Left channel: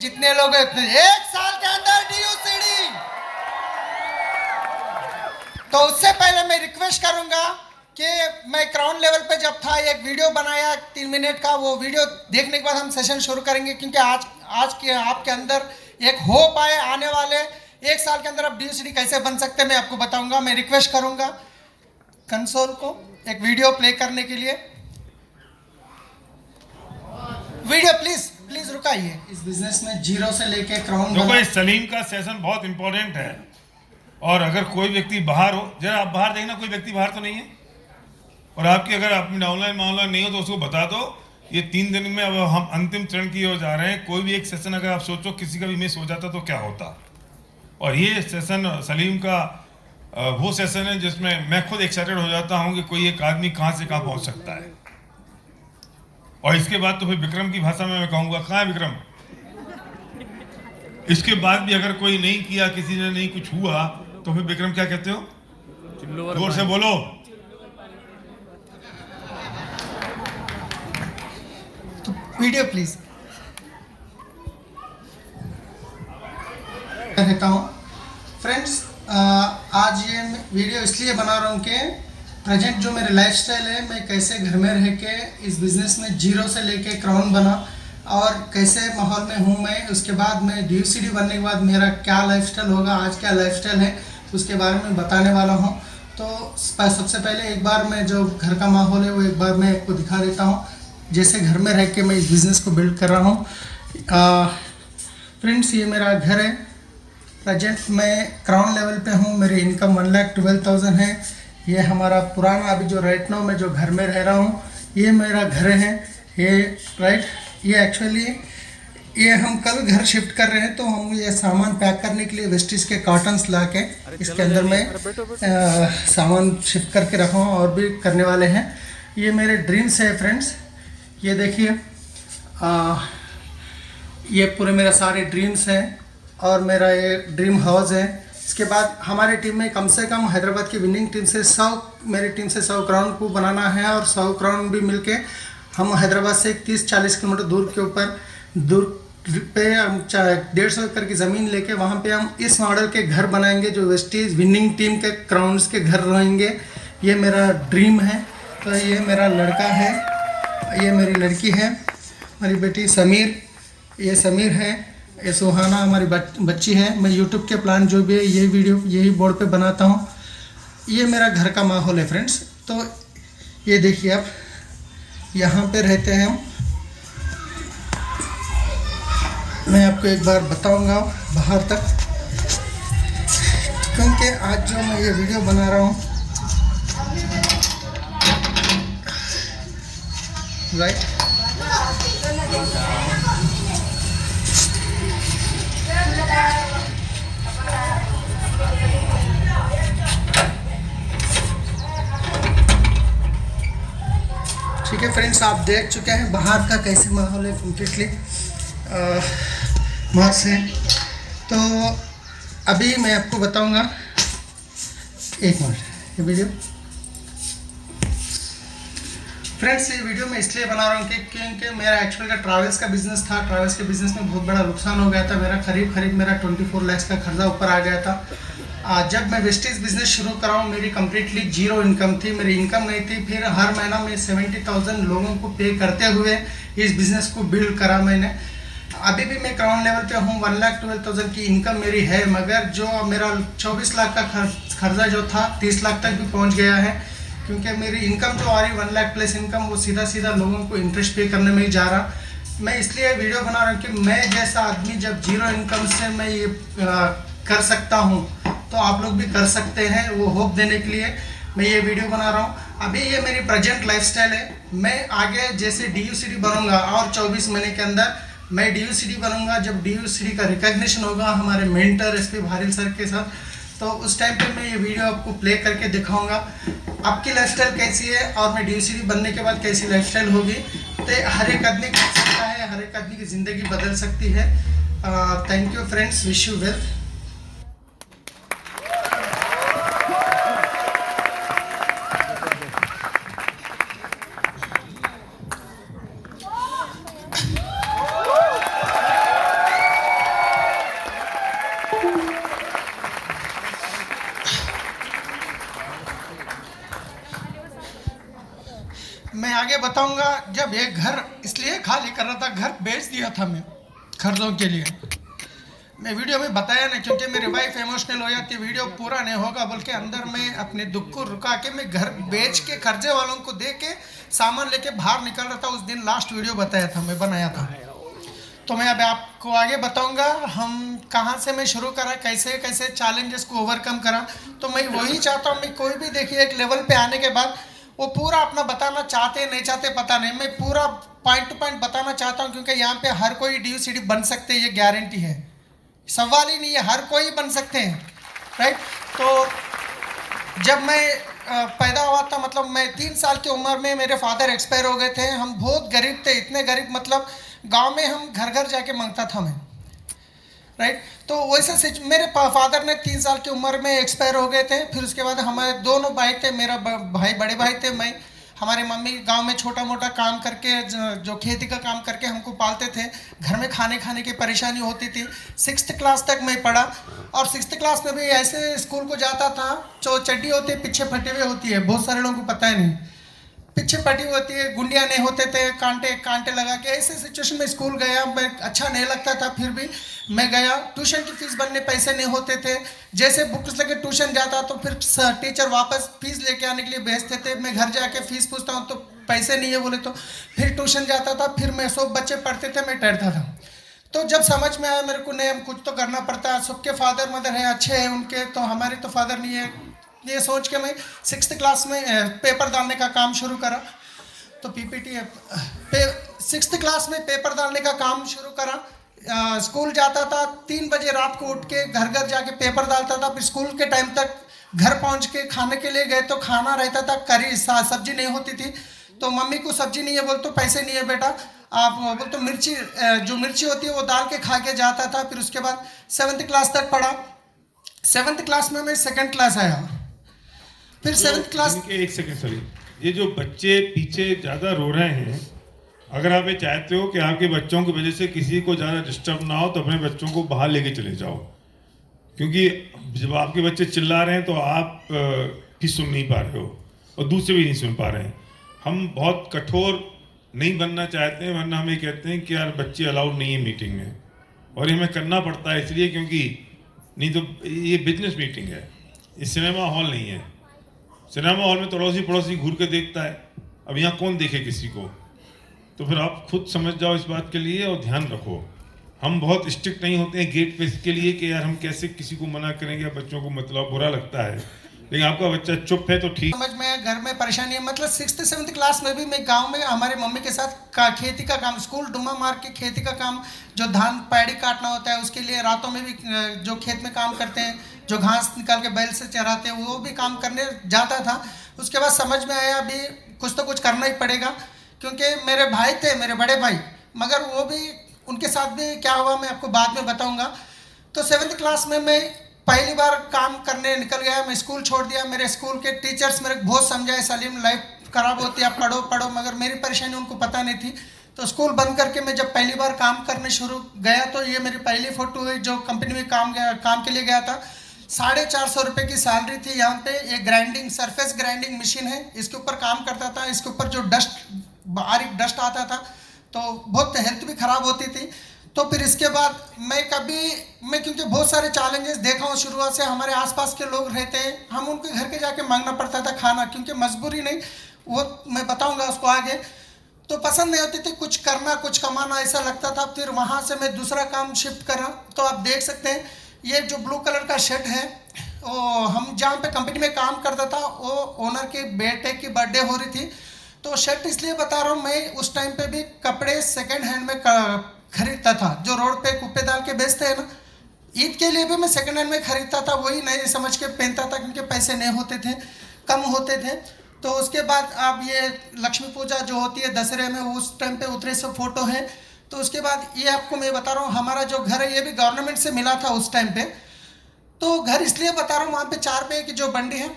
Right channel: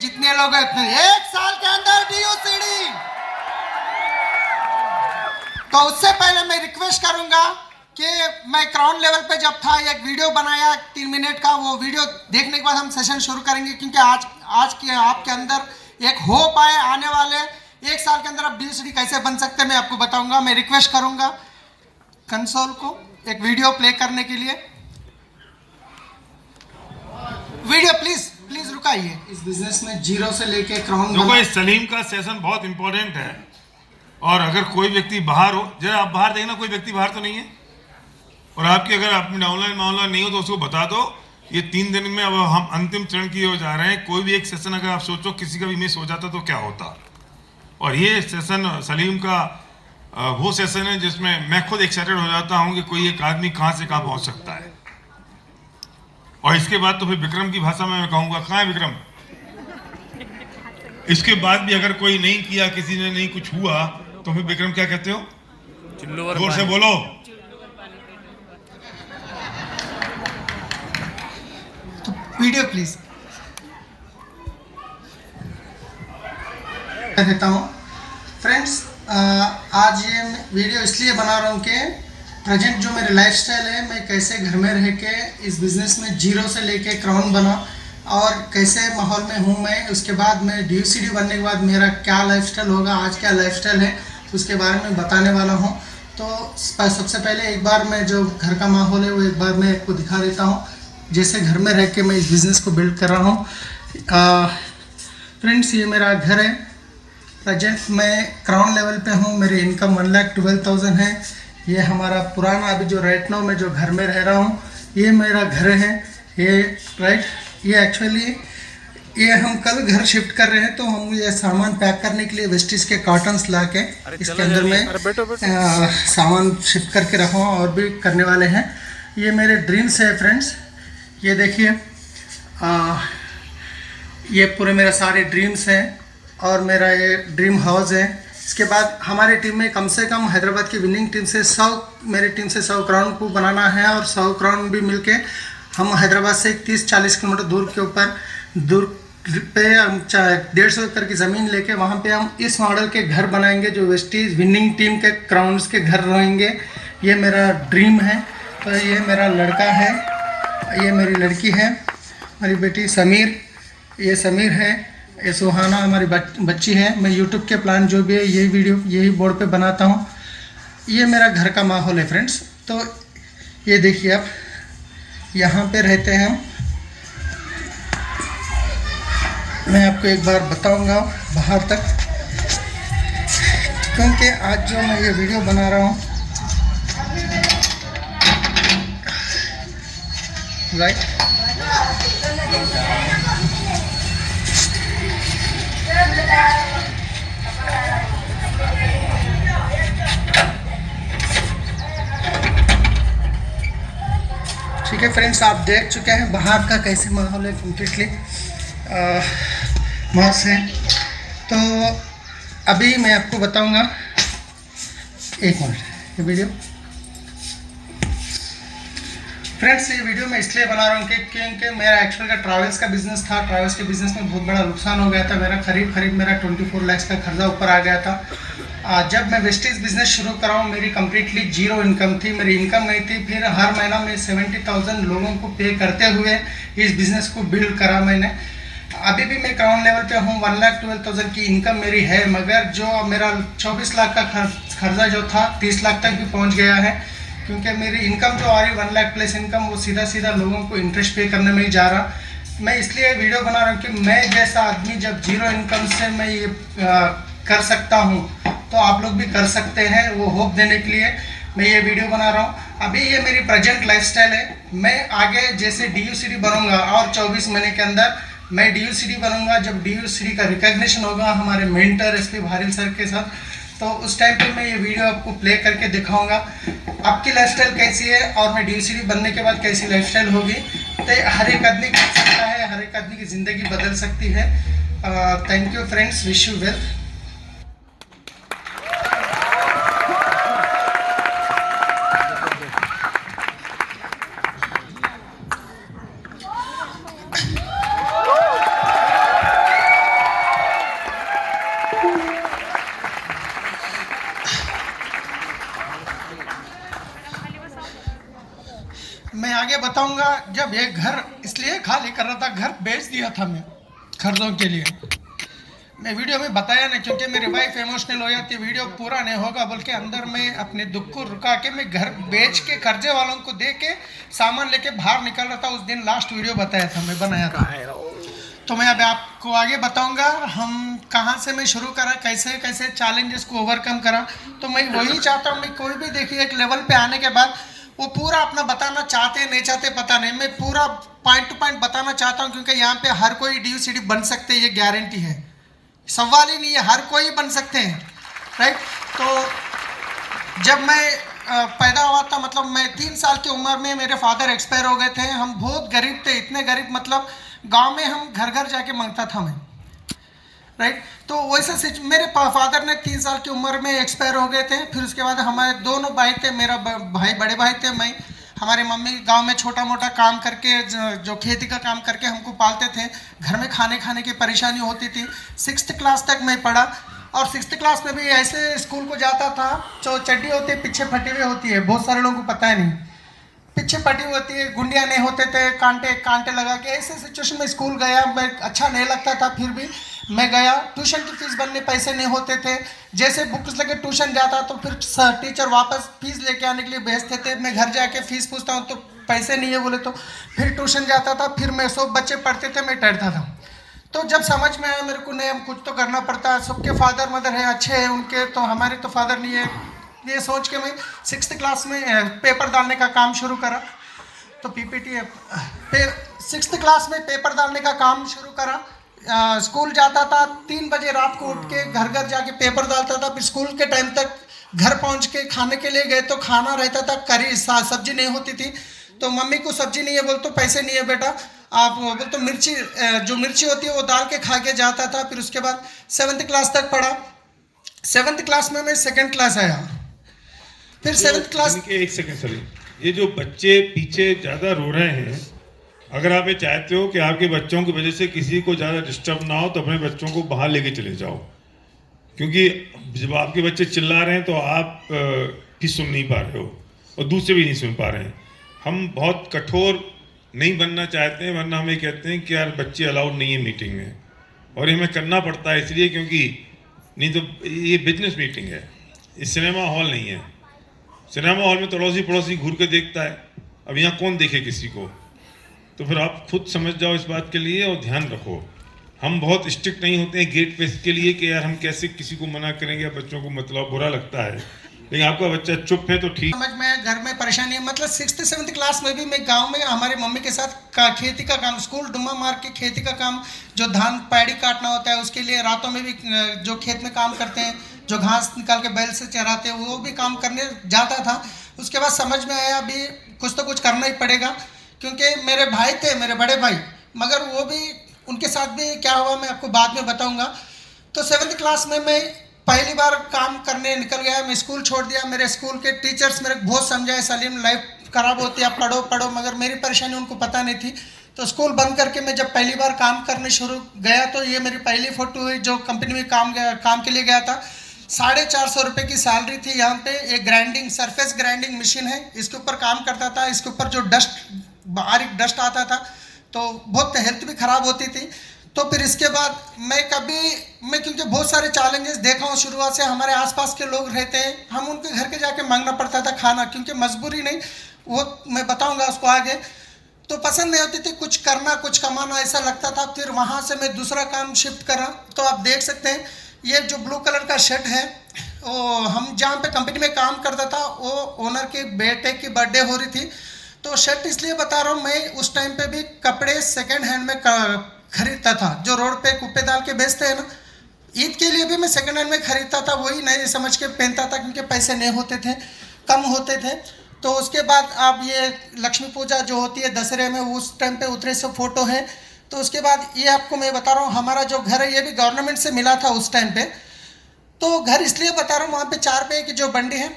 जितने लोग हैं इतने 1 साल के अंदर डीयूसीडी। तो उससे पहले मैं रिक्वेस्ट करूंगा कि मैं क्राउन लेवल पे जब था एक वीडियो बनाया 3 मिनट का, वो वीडियो देखने के बाद हम सेशन शुरू करेंगे, क्योंकि आज के आपके अंदर एक होप आए आने वाले 1 साल के अंदर आप डीयूसीडी कैसे बन सकते हैं मैं आपको बताऊंगा। मैं रिक्वेस्ट करूंगा कंसोल को एक वीडियो प्ले करने के लिए। वीडियो प्लीज रुकाइए। इस बिजनेस में जीरो से लेके क्राउन देखो सलीम का सेशन बहुत इंपॉर्टेंट है, और अगर कोई व्यक्ति बाहर हो, जरा आप बाहर देखना, कोई व्यक्ति बाहर तो नहीं है, और आपकी अगर अपनी ऑनलाइन नहीं हो तो उसको बता दो। ये 3 दिन में अब हम अंतिम चरण की ओर जा रहे हैं। कोई भी एक सेशन अगर आप सोचो किसी का भी मिस हो जाता तो क्या होता, और ये सेशन सलीम का वो सेशन है जिसमें मैं खुद एक्साइटेड हो जाता हूँ कि कोई एक आदमी कहाँ से कहाँ पहुँच सकता है। और इसके बाद तो फिर विक्रम की भाषा में मैं कहूँगा, कहाँ है विक्रम? इसके बाद भी अगर कोई नहीं किया, किसी ने नहीं कुछ हुआ, तो फिर विक्रम क्या कहते हो? जोर से बोलो। तो वीडियो प्लीज देता हूँ। फ्रेंड्स, आज ये वीडियो इसलिए बना रहा हूँ कि प्रेजेंट जो मेरे लाइफस्टाइल है, मैं कैसे घर में रह के इस बिज़नेस में जीरो से लेके क्राउन बना और कैसे माहौल में हूँ मैं। उसके बाद मैं डीयूसीडी बनने के बाद मेरा क्या लाइफस्टाइल होगा, आज क्या लाइफस्टाइल है, उसके बारे में बताने वाला हूँ। तो सबसे पहले एक बार मैं जो घर का माहौल है वो एक बार मैं आपको दिखा देता हूँ, जैसे घर में रह के मैं इस बिज़नेस को बिल्ड कर रहा हूँ। फ्रेंड्स, ये मेरा घर है। प्रेजेंट मैं क्राउन लेवल पे हूँ। मेरी इनकम 1,12,000 है। ये हमारा पुराना अभी जो राइट नाउ मैं जो घर में रह रहा हूँ, ये मेरा घर है। ये एक्चुअली ये हम कल घर शिफ्ट कर रहे हैं, तो हम ये सामान पैक करने के लिए वेस्टिज के कार्टन्स ला के इसके अंदर में सामान शिफ्ट करके रखा हूँ, और भी करने वाले हैं। ये मेरे ड्रीम्स है फ्रेंड्स। ये देखिए, ये पूरे मेरा सारे ड्रीम्स हैं, और मेरा ये ड्रीम हाउस है। इसके बाद हमारी टीम में कम से कम हैदराबाद की विनिंग टीम से 100 क्राउन को बनाना है, और 100 क्राउन भी मिलके हम हैदराबाद से 30-40 किलोमीटर दूर पे हम 150 एकड़ की ज़मीन लेके वहाँ पे हम इस मॉडल के घर बनाएंगे, जो वेस्टीज विनिंग टीम के क्राउन्स के घर रहेंगे। ये मेरा ड्रीम है। तो ये मेरा लड़का है, ये मेरी लड़की है, मेरी बेटी समीर, ये समीर है, ये सुहाना हमारी बच्ची है। मैं यूट्यूब के प्लान जो भी है ये वीडियो यही बोर्ड पे बनाता हूँ। ये मेरा घर का माहौल है फ्रेंड्स। तो ये देखिए, आप यहाँ पे रहते हैं हम। मैं आपको एक बार बताऊँगा बाहर तक, क्योंकि आज जो मैं ये वीडियो बना रहा हूँ, राइट, ठीक है फ्रेंड्स, आप देख चुके हैं बाहर का कैसे माहौल है, कम्प्लीटली मस्त है। तो अभी मैं आपको बताऊंगा, एक मिनट, ये वीडियो फ्रेंड्स, ये वीडियो मैं इसलिए बना रहा हूँ क्योंकि मेरा एक्चुअल का ट्रैवल्स का बिजनेस था। ट्रैवल्स के बिजनेस में बहुत बड़ा नुकसान हो गया था। मेरा करीब मेरा 24 लाख का खर्चा ऊपर आ गया था। जब मैं वेस्टीज बिजनेस शुरू करा हूँ, मेरी कम्प्लीटली जीरो इनकम थी, मेरी इनकम नहीं थी। फिर हर महीना में 70,000 लोगों को पे करते हुए इस बिज़नेस को बिल्ड करा मैंने। अभी भी मैं क्राउन लेवल पे हूँ, 1,12,000 की इनकम मेरी है, मगर जो मेरा 24 लाख का खर्चा जो था 30 लाख तक भी पहुँच गया है, क्योंकि मेरी इनकम जो आ रही 1 लाख प्लस इनकम, वो सीधा लोगों को इंटरेस्ट पे करने में ही जा रहा। मैं इसलिए वीडियो बना रहा हूँ कि मैं जैसा आदमी जब जीरो इनकम से मैं ये कर सकता हूँ, तो आप लोग भी कर सकते हैं। वो होप देने के लिए मैं ये वीडियो बना रहा हूँ। अभी ये मेरी प्रेजेंट लाइफस्टाइल है। मैं आगे जैसे डीयूसीडी बनूंगा, और 24 महीने के अंदर मैं डीयूसीडी बनूंगा। जब डीयूसीडी का रिकॉग्निशन होगा हमारे मेंटर एसपी भारिल सर के साथ, तो उस टाइम पे मैं ये वीडियो आपको प्ले करके दिखाऊंगा आपकी लाइफस्टाइल कैसी है, और मैं डीयूसीडी बनने के बाद कैसी लाइफस्टाइल होगी। तो हर एक आदमी कर सकता है, हर एक आदमी की ज़िंदगी बदल सकती है। Thank you friends, wish you well. आगे बताऊंगा। जब ये घर इसलिए खाली कर रहा था, घर बेच दिया था मैं खर्चों के लिए। मैं वीडियो में बताया नहीं क्योंकि मेरी वाइफ इमोशनल हो जाती है, वीडियो पूरा नहीं होगा बोल के अंदर में अपने दुख को रुका के मैं घर बेच के कर्जे वालों को दे के सामान लेके बाहर निकल रहा था। उस दिन लास्ट वीडियो बताया था, मैं बनाया था। तो मैं अब आपको आगे बताऊंगा हम कहाँ से मैं शुरू करा, कैसे कैसे चैलेंजेस को ओवरकम करा। तो मैं वही चाहता हूँ, मैं कोई भी देखिए एक लेवल पे आने के बाद वो पूरा अपना बताना चाहते नहीं चाहते पता नहीं, मैं पूरा पॉइंट टू पॉइंट बताना चाहता हूँ क्योंकि यहाँ पे हर कोई DUCD बन सकते हैं, ये गारंटी है, सवाल ही नहीं है, हर कोई बन सकते हैं, राइट। तो जब मैं पैदा हुआ था, मतलब मैं 3 साल की उम्र में मेरे फादर एक्सपायर हो गए थे। हम बहुत गरीब थे, इतने गरीब मतलब गांव में हम घर घर जाके मांगता था मैं, राइट। तो वैसे मेरे फादर ने 3 साल की उम्र में एक्सपायर हो गए थे। फिर उसके बाद हमारे दोनों भाई थे, मेरा भाई बड़े भाई थे, मैं, हमारी मम्मी गांव में छोटा मोटा काम करके जो खेती का काम करके हमको पालते थे। घर में खाने की परेशानी होती थी। 6th क्लास तक मैं पढ़ा और 6th क्लास में भी ऐसे स्कूल को जाता था, जो चड्डी होती है पीछे फटी हुई होती है, बहुत सारे लोगों को पता है नहीं, पीछे फटी होती है, गुंडियाँ नहीं होते थे, कांटे लगा के, ऐसे सिचुएशन में स्कूल गया। मैं अच्छा नहीं लगता था, फिर भी मैं गया। ट्यूशन की फीस भरने पैसे नहीं होते थे, जैसे बुक्स लेके ट्यूशन जाता तो फिर टीचर वापस फीस लेके आने के लिए भेजते थे। मैं घर जाके फीस पूछता हूँ तो पैसे नहीं है बोले, तो फिर ट्यूशन जाता था। फिर मैं सब बच्चे पढ़ते थे, मैं डरता था। तो जब समझ में आया मेरे को, नहीं हम कुछ तो करना पड़ता है, सबके फादर मदर है अच्छे हैं उनके, तो हमारे तो फादर नहीं है, ये सोच के मैं 6th क्लास में पेपर डालने का काम शुरू करा। तो PPT है, 6th क्लास में पेपर डालने का काम शुरू करा। स्कूल जाता था, 3 बजे रात को उठ के घर घर जाके पेपर डालता था। फिर स्कूल के टाइम तक घर पहुंच के खाने के लिए गए तो खाना रहता था, करी सब्जी नहीं होती थी। तो मम्मी को सब्जी नहीं है बोल तो पैसे नहीं है बेटा, आप बोल तो मिर्ची, जो मिर्ची होती है वो डाल के खा के जाता था। फिर उसके बाद 7th क्लास तक पढ़ा। 7th क्लास में मैं 2nd क्लास आया। फिर 7th क्लास, एक सेकंड सॉरी, ये जो बच्चे पीछे ज़्यादा रो रहे हैं, अगर आप ये चाहते हो कि आपके बच्चों की वजह से किसी को ज़्यादा डिस्टर्ब ना हो तो अपने बच्चों को बाहर लेके चले जाओ, क्योंकि जब आपके बच्चे चिल्ला रहे हैं तो आप भी सुन नहीं पा रहे हो और दूसरे भी नहीं सुन पा रहे हैं। हम बहुत कठोर नहीं बनना चाहते हैं, वरना हम ये कहते हैं कि यार बच्चे अलाउड नहीं है मीटिंग में, और ये हमें करना पड़ता है इसलिए क्योंकि नहीं तो ये बिजनेस मीटिंग है, ये सिनेमा हॉल नहीं है। सिनेमा हॉल में तो अड़ोसी पड़ोसी घूर के देखता है, अब यहाँ कौन देखे किसी को। तो फिर आप खुद समझ जाओ इस बात के लिए और ध्यान रखो। हम बहुत स्ट्रिक्ट नहीं होते हैं गेट पे इसके लिए कि यार हम कैसे किसी को मना करेंगे, या बच्चों को मतलब बुरा लगता है, लेकिन आपका बच्चा चुप है तो ठीक। समझ में घर में परेशानी है, मतलब 6th 7th क्लास में भी मैं गांव में हमारे मम्मी के साथ खेती का काम, स्कूल डुम्मा मार के खेती का काम, जो धान पैड़ी काटना होता है उसके लिए रातों में भी जो खेत में काम करते हैं, जो घास निकाल के बैल से चराते हैं, वो भी काम करने जाता था। उसके बाद समझ में आया अभी कुछ तो कुछ करना ही पड़ेगा, क्योंकि मेरे भाई थे, मेरे बड़े भाई, मगर वो भी, उनके साथ भी क्या हुआ मैं आपको बाद में बताऊंगा। तो 7th क्लास में मैं पहली बार काम करने निकल गया, मैं स्कूल छोड़ दिया। मेरे स्कूल के टीचर्स मेरे बहुत समझाए, सलीम लाइफ खराब होती है, आप पढ़ो पढ़ो, मगर मेरी परेशानी उनको पता नहीं थी। तो स्कूल बंद करके मैं जब पहली बार काम करने शुरू गया, तो ये मेरी पहली फोटो हुई जो कंपनी में काम के लिए गया था। 450 रुपये की सैलरी थी। यहाँ पे एक ग्राइंडिंग, सरफेस ग्राइंडिंग मशीन है, इसके ऊपर काम करता था। इसके ऊपर जो बारीक डस्ट आता था तो बहुत हेल्थ भी खराब होती थी। तो फिर इसके बाद मैं क्योंकि बहुत सारे चैलेंजेस देखा हूँ शुरुआत से, हमारे आसपास के लोग रहते हैं, हम उनके घर के जाके मांगना पड़ता था खाना, क्योंकि मजबूरी नहीं, वो मैं बताऊंगा उसको आगे। तो पसंद नहीं होती थी कुछ करना, कुछ कमाना, ऐसा लगता था। फिर वहाँ से मैं दूसरा काम शिफ्ट करा। तो आप देख सकते हैं ये जो ब्लू कलर का शर्ट है, वो हम जहाँ पे कंपनी में काम करता था, वो ओनर के बेटे की बर्थडे हो रही थी। तो शर्ट इसलिए बता रहा हूँ, मैं उस टाइम पे भी कपड़े सेकंड हैंड में खरीदता था, जो रोड पे कुप्पे डाल के बेचते हैं ना, ईद के लिए भी मैं सेकंड हैंड में खरीदता था, वही नए समझ के पहनता था, क्योंकि पैसे नहीं होते थे, कम होते थे। तो उसके बाद आप ये लक्ष्मी पूजा जो होती है दशहरे में, उस टाइम पे उतरे सब फोटो है। तो उसके बाद ये आपको मैं बता रहा हूँ, हमारा जो घर है ये भी गवर्नमेंट से मिला था उस टाइम पे। तो घर इसलिए बता रहा हूँ, वहाँ पे 4 रुपये की जो बंडी है,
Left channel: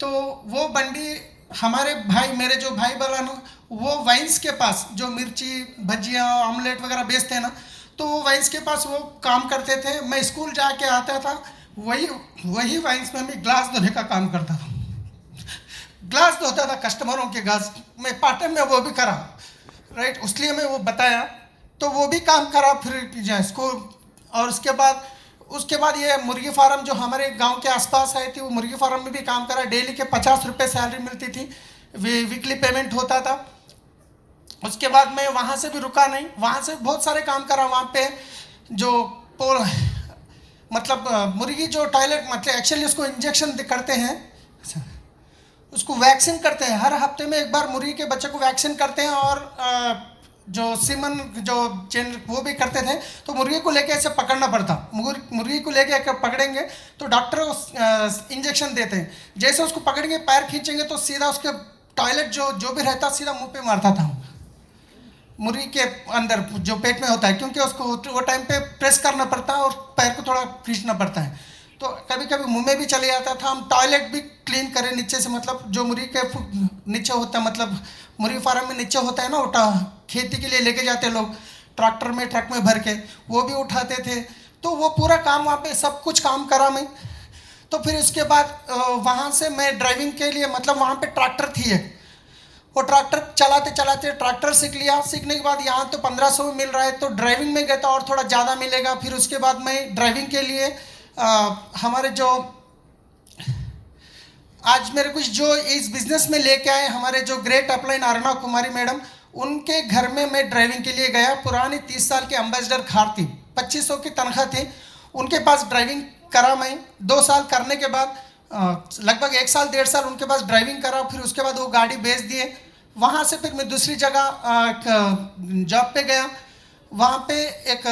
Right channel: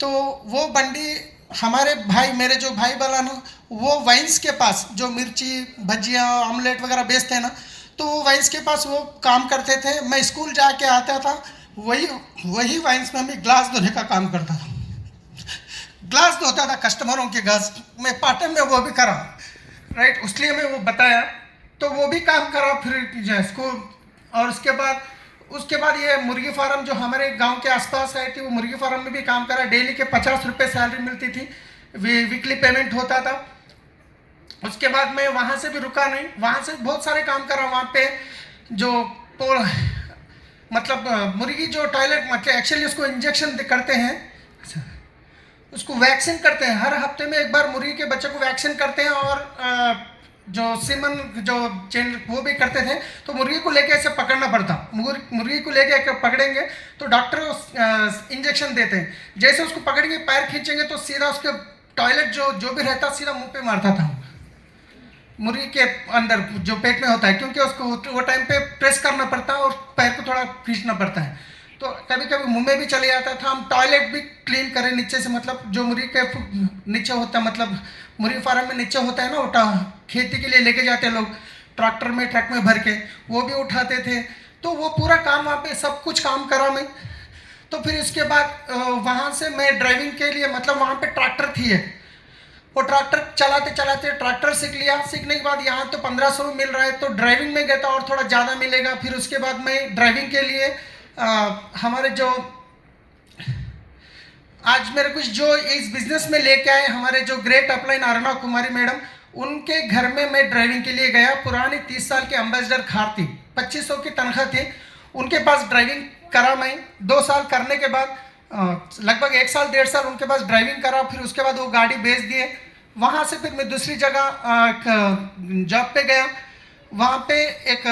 तो वो बंडी हमारे भाई, मेरे जो भाई बना ना, वो वाइन्स के पास जो मिर्ची भजिया ऑमलेट वगैरह बेचते हैं ना, तो वो वाइन्स के पास वो काम करते थे। मैं स्कूल जाके आता था, वही वाइन्स में मैं ग्लास धोने का काम करता था। ग्लास धोता था कस्टमरों के ग्लास, मैं पार्ट टाइम में वो भी करा, राइट, इसलिए मैं वो बताया, तो वो भी काम करा फिर इसको। और उसके बाद ये मुर्गी फार्म जो हमारे गांव के आसपास है थी, वो मुर्गी फार्म में भी काम करा। डेली के 50 रुपये सैलरी मिलती थी, वीकली पेमेंट होता था। उसके बाद मैं वहाँ से भी रुका नहीं, वहाँ से बहुत सारे काम करा। वहाँ पे जो मतलब मुर्गी जो टॉयलेट, मतलब एक्चुअली उसको इंजेक्शन करते हैं, उसको वैक्सीन करते हैं, हर हफ्ते में एक बार मुर्गी के बच्चे को वैक्सीन करते हैं। और जो सीमन जो चेन वो भी करते थे। तो मुर्गी को लेके ऐसे पकड़ना पड़ता, मुर्गी को लेके पकड़ेंगे तो डॉक्टर इंजेक्शन देते हैं। जैसे उसको पकड़ेंगे, पैर खींचेंगे तो सीधा उसके टॉयलेट जो भी रहता सीधा मुंह पे मारता था मुर्गी के अंदर जो पेट में होता है, क्योंकि उसको वो टाइम पे प्रेस करना पड़ता है और पैर को थोड़ा खींचना पड़ता है, तो कभी कभी मुंह में भी चले जाता था। हम टॉयलेट भी क्लीन करें नीचे से, मतलब जो मुर्गी के नीचे होता है, मतलब मुर्गी फार्म में नीचे होता है ना, उठा खेती के लिए लेके जाते लोग ट्रैक्टर में, ट्रक में भर के, वो भी उठाते थे। तो वो पूरा काम वहाँ पे सब कुछ काम करा मैं। तो फिर उसके बाद वहाँ से मैं ड्राइविंग के लिए, मतलब वहाँ पे ट्रैक्टर थी एक, वो ट्रैक्टर चलाते चलाते ट्रैक्टर सीख लिया। सीखने के बाद यहाँ तो 1500 मिल रहा है, तो ड्राइविंग में गया था और थोड़ा ज़्यादा मिलेगा। फिर उसके बाद मैं ड्राइविंग के लिए हमारे जो आज मेरे कुछ जो इस बिजनेस में लेके आए हमारे जो ग्रेट अपलाइन अरुणा कुमारी मैडम, उनके घर में मैं ड्राइविंग के लिए गया। पुरानी 30 साल की एम्बेसडर कार थी, 2500 की तनख्वाह थी, उनके पास ड्राइविंग करा मैं। 2 साल करने के बाद लगभग 1 साल 1.5 साल उनके पास ड्राइविंग करा। फिर उसके बाद वो गाड़ी बेच दिए। वहाँ से फिर मैं दूसरी जगह जॉब पे गया। वहाँ पे एक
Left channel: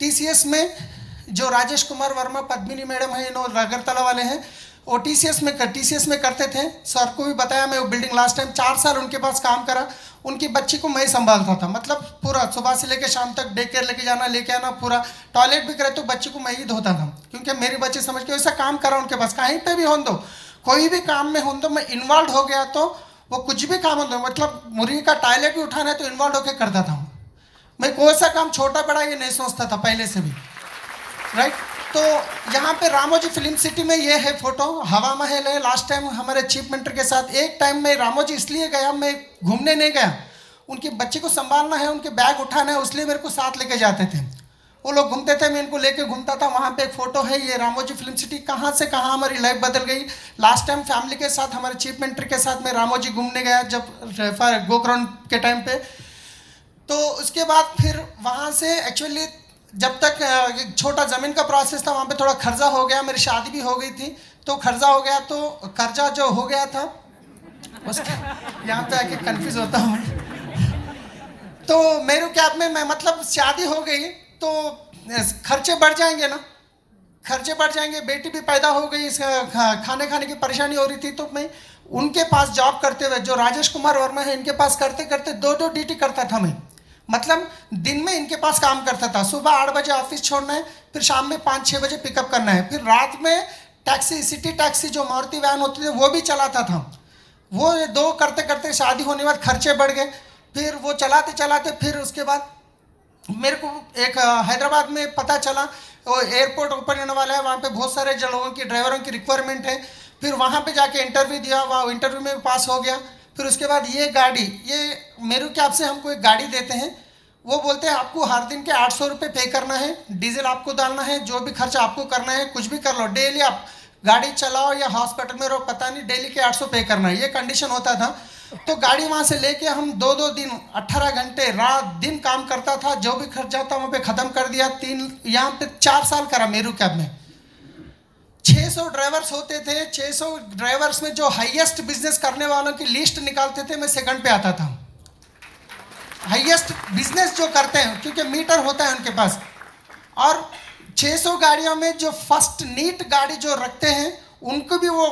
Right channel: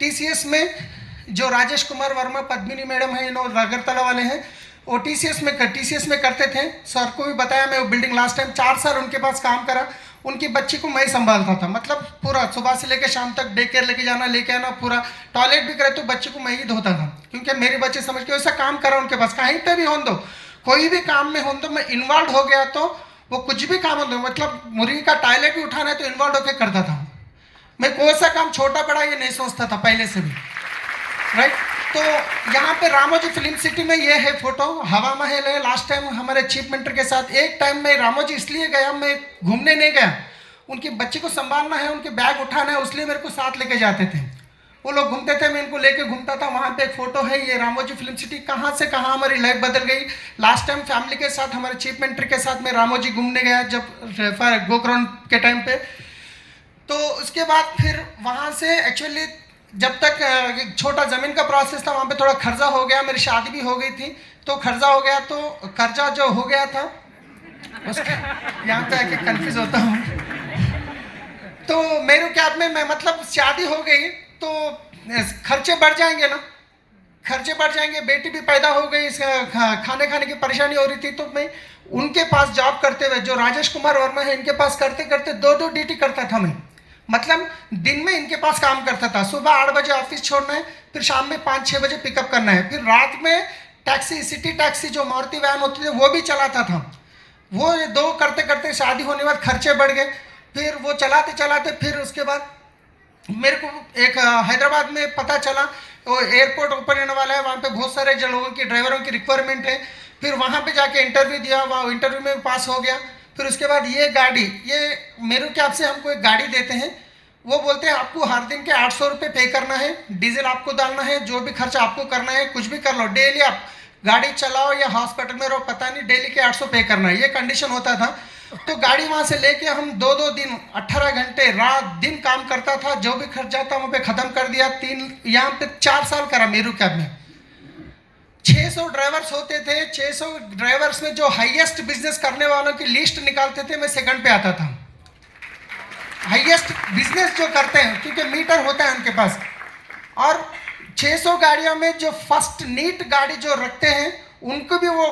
TCS में जो राजेश कुमार वर्मा पद्मिनी मैडम है, इन अगरतला वाले हैं, वो TCS में करते थे। सर को भी बताया मैं, वो बिल्डिंग लास्ट टाइम 4 साल उनके पास काम करा। उनकी बच्ची को मैं ही संभालता था, मतलब पूरा सुबह से लेकर शाम तक डे केयर लेके जाना लेके आना, पूरा टॉयलेट भी करे तो बच्ची को मैं ही धोता था, क्योंकि मेरी बच्ची समझ के वैसा काम करा उनके पास। कहीं पे भी हो दो, कोई भी काम में हो दो, मैं इन्वॉल्व हो गया तो वो कुछ भी काम हो दो, मतलब मुर्गी का टॉयलेट भी उठाना है तो इन्वॉल्व होकर करता था मैं। कोई सा काम छोटा बड़ा ये नहीं सोचता था पहले से भी, राइट। तो यहाँ पे रामोजी फिल्म सिटी में ये है फोटो, हवा महल है। लास्ट टाइम हमारे चीफ मिनिस्टर के साथ एक टाइम में रामोजी इसलिए गया, मैं घूमने नहीं गया, उनकी बच्ची को संभालना है, उनके बैग उठाना है, इसलिए मेरे को साथ लेके जाते थे। वो लोग घूमते थे, मैं इनको लेके घूमता था। वहाँ पे एक फोटो है, ये रामोजी फिल्म सिटी। कहाँ से कहाँ हमारी लाइफ बदल गई। लास्ट टाइम फैमिली के साथ, हमारे चीफ मिनिस्टर के साथ मैं रामोजी घूमने गया जब गोकर्ण के टाइम पे। तो उसके बाद फिर वहाँ से एक्चुअली जब तक छोटा ज़मीन का प्रोसेस था, वहाँ पे थोड़ा खर्चा हो गया, मेरी शादी भी हो गई थी, तो खर्चा हो गया। तो कर्जा जो हो गया था उसके यहाँ पे आके कंफ्यूज होता हूँ। तो मेरे क्या में मैं, मतलब शादी हो गई तो खर्चे बढ़ जाएंगे ना, खर्चे बढ़ जाएंगे। बेटी भी पैदा हो गई, खाने की परेशानी हो रही थी। तो मैं उनके पास जॉब करते हुए, जो राजेश कुमार वर्मा है, इनके पास करते करते 2-2 ड्यूटी करता था मैं। मतलब दिन में इनके पास काम करता था, सुबह 8 बजे ऑफिस छोड़ना है, फिर शाम में 5-6 बजे पिकअप करना है, फिर रात में टैक्सी, सिटी टैक्सी जो मारुति वैन होती थी वो भी चलाता था। वो 2 करते करते शादी होने के बाद खर्चे बढ़ गए। फिर वो चलाते चलाते फिर उसके बाद मेरे को एक हैदराबाद में पता चला वो एयरपोर्ट ओपन होने वाला है, वहाँ पे बहुत सारे लोगों की, ड्राइवरों की रिक्वायरमेंट है। फिर वहाँ पे जाके इंटरव्यू दिया, वहाँ इंटरव्यू में पास हो गया। फिर उसके बाद ये गाड़ी, ये मेरू कैब से हमको एक गाड़ी देते हैं। वो बोलते हैं आपको हर दिन के 800 रुपये पे करना है, डीजल आपको डालना है, जो भी खर्चा आपको करना है कुछ भी कर लो, डेली आप गाड़ी चलाओ या हॉस्पिटल में रहो पता नहीं, डेली के 800 पे करना है, ये कंडीशन होता था। तो गाड़ी वहाँ से लेके हम 2-2 दिन 18 घंटे रात दिन काम करता था, जो भी खर्चा था वहाँ पे ख़त्म कर दिया। यहाँ पे 4 साल करा मेरू कैब में। 600 ड्राइवर्स होते थे, 600 ड्राइवर्स में जो हाईएस्ट बिजनेस करने वालों की लिस्ट निकालते थे, मैं सेकंड पे आता था। हाईएस्ट बिजनेस जो करते हैं, क्योंकि मीटर होता है उनके पास। और 600 गाड़ियों में जो फर्स्ट नीट गाड़ी जो रखते हैं उनको भी वो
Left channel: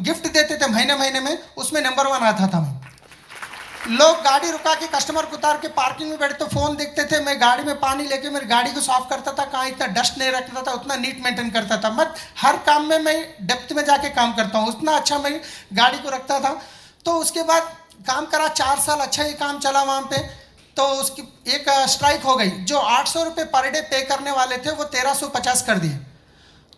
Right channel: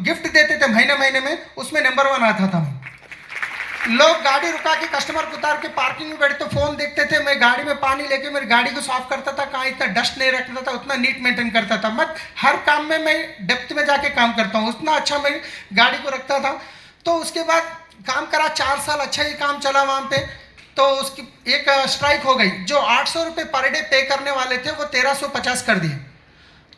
गिफ्ट देते थे महीने महीने में, उसमें नंबर 1 आता था मैं। लोग गाड़ी रुका के कस्टमर को उतार के पार्किंग में बैठे तो फ़ोन देखते थे, मैं गाड़ी में पानी लेके मेरी गाड़ी को साफ करता था, कहाँ इतना डस्ट नहीं रखता था, उतना नीट मेंटेन करता था। मत हर काम में मैं डेप्थ में जाके काम करता हूँ, उतना अच्छा मैं गाड़ी को रखता था। तो उसके बाद काम करा 4 साल, अच्छा ही काम चला वहाँ पे। तो उसकी एक स्ट्राइक हो गई, जो 800 रुपये पर डे पे करने वाले थे वो 1350 कर दिए।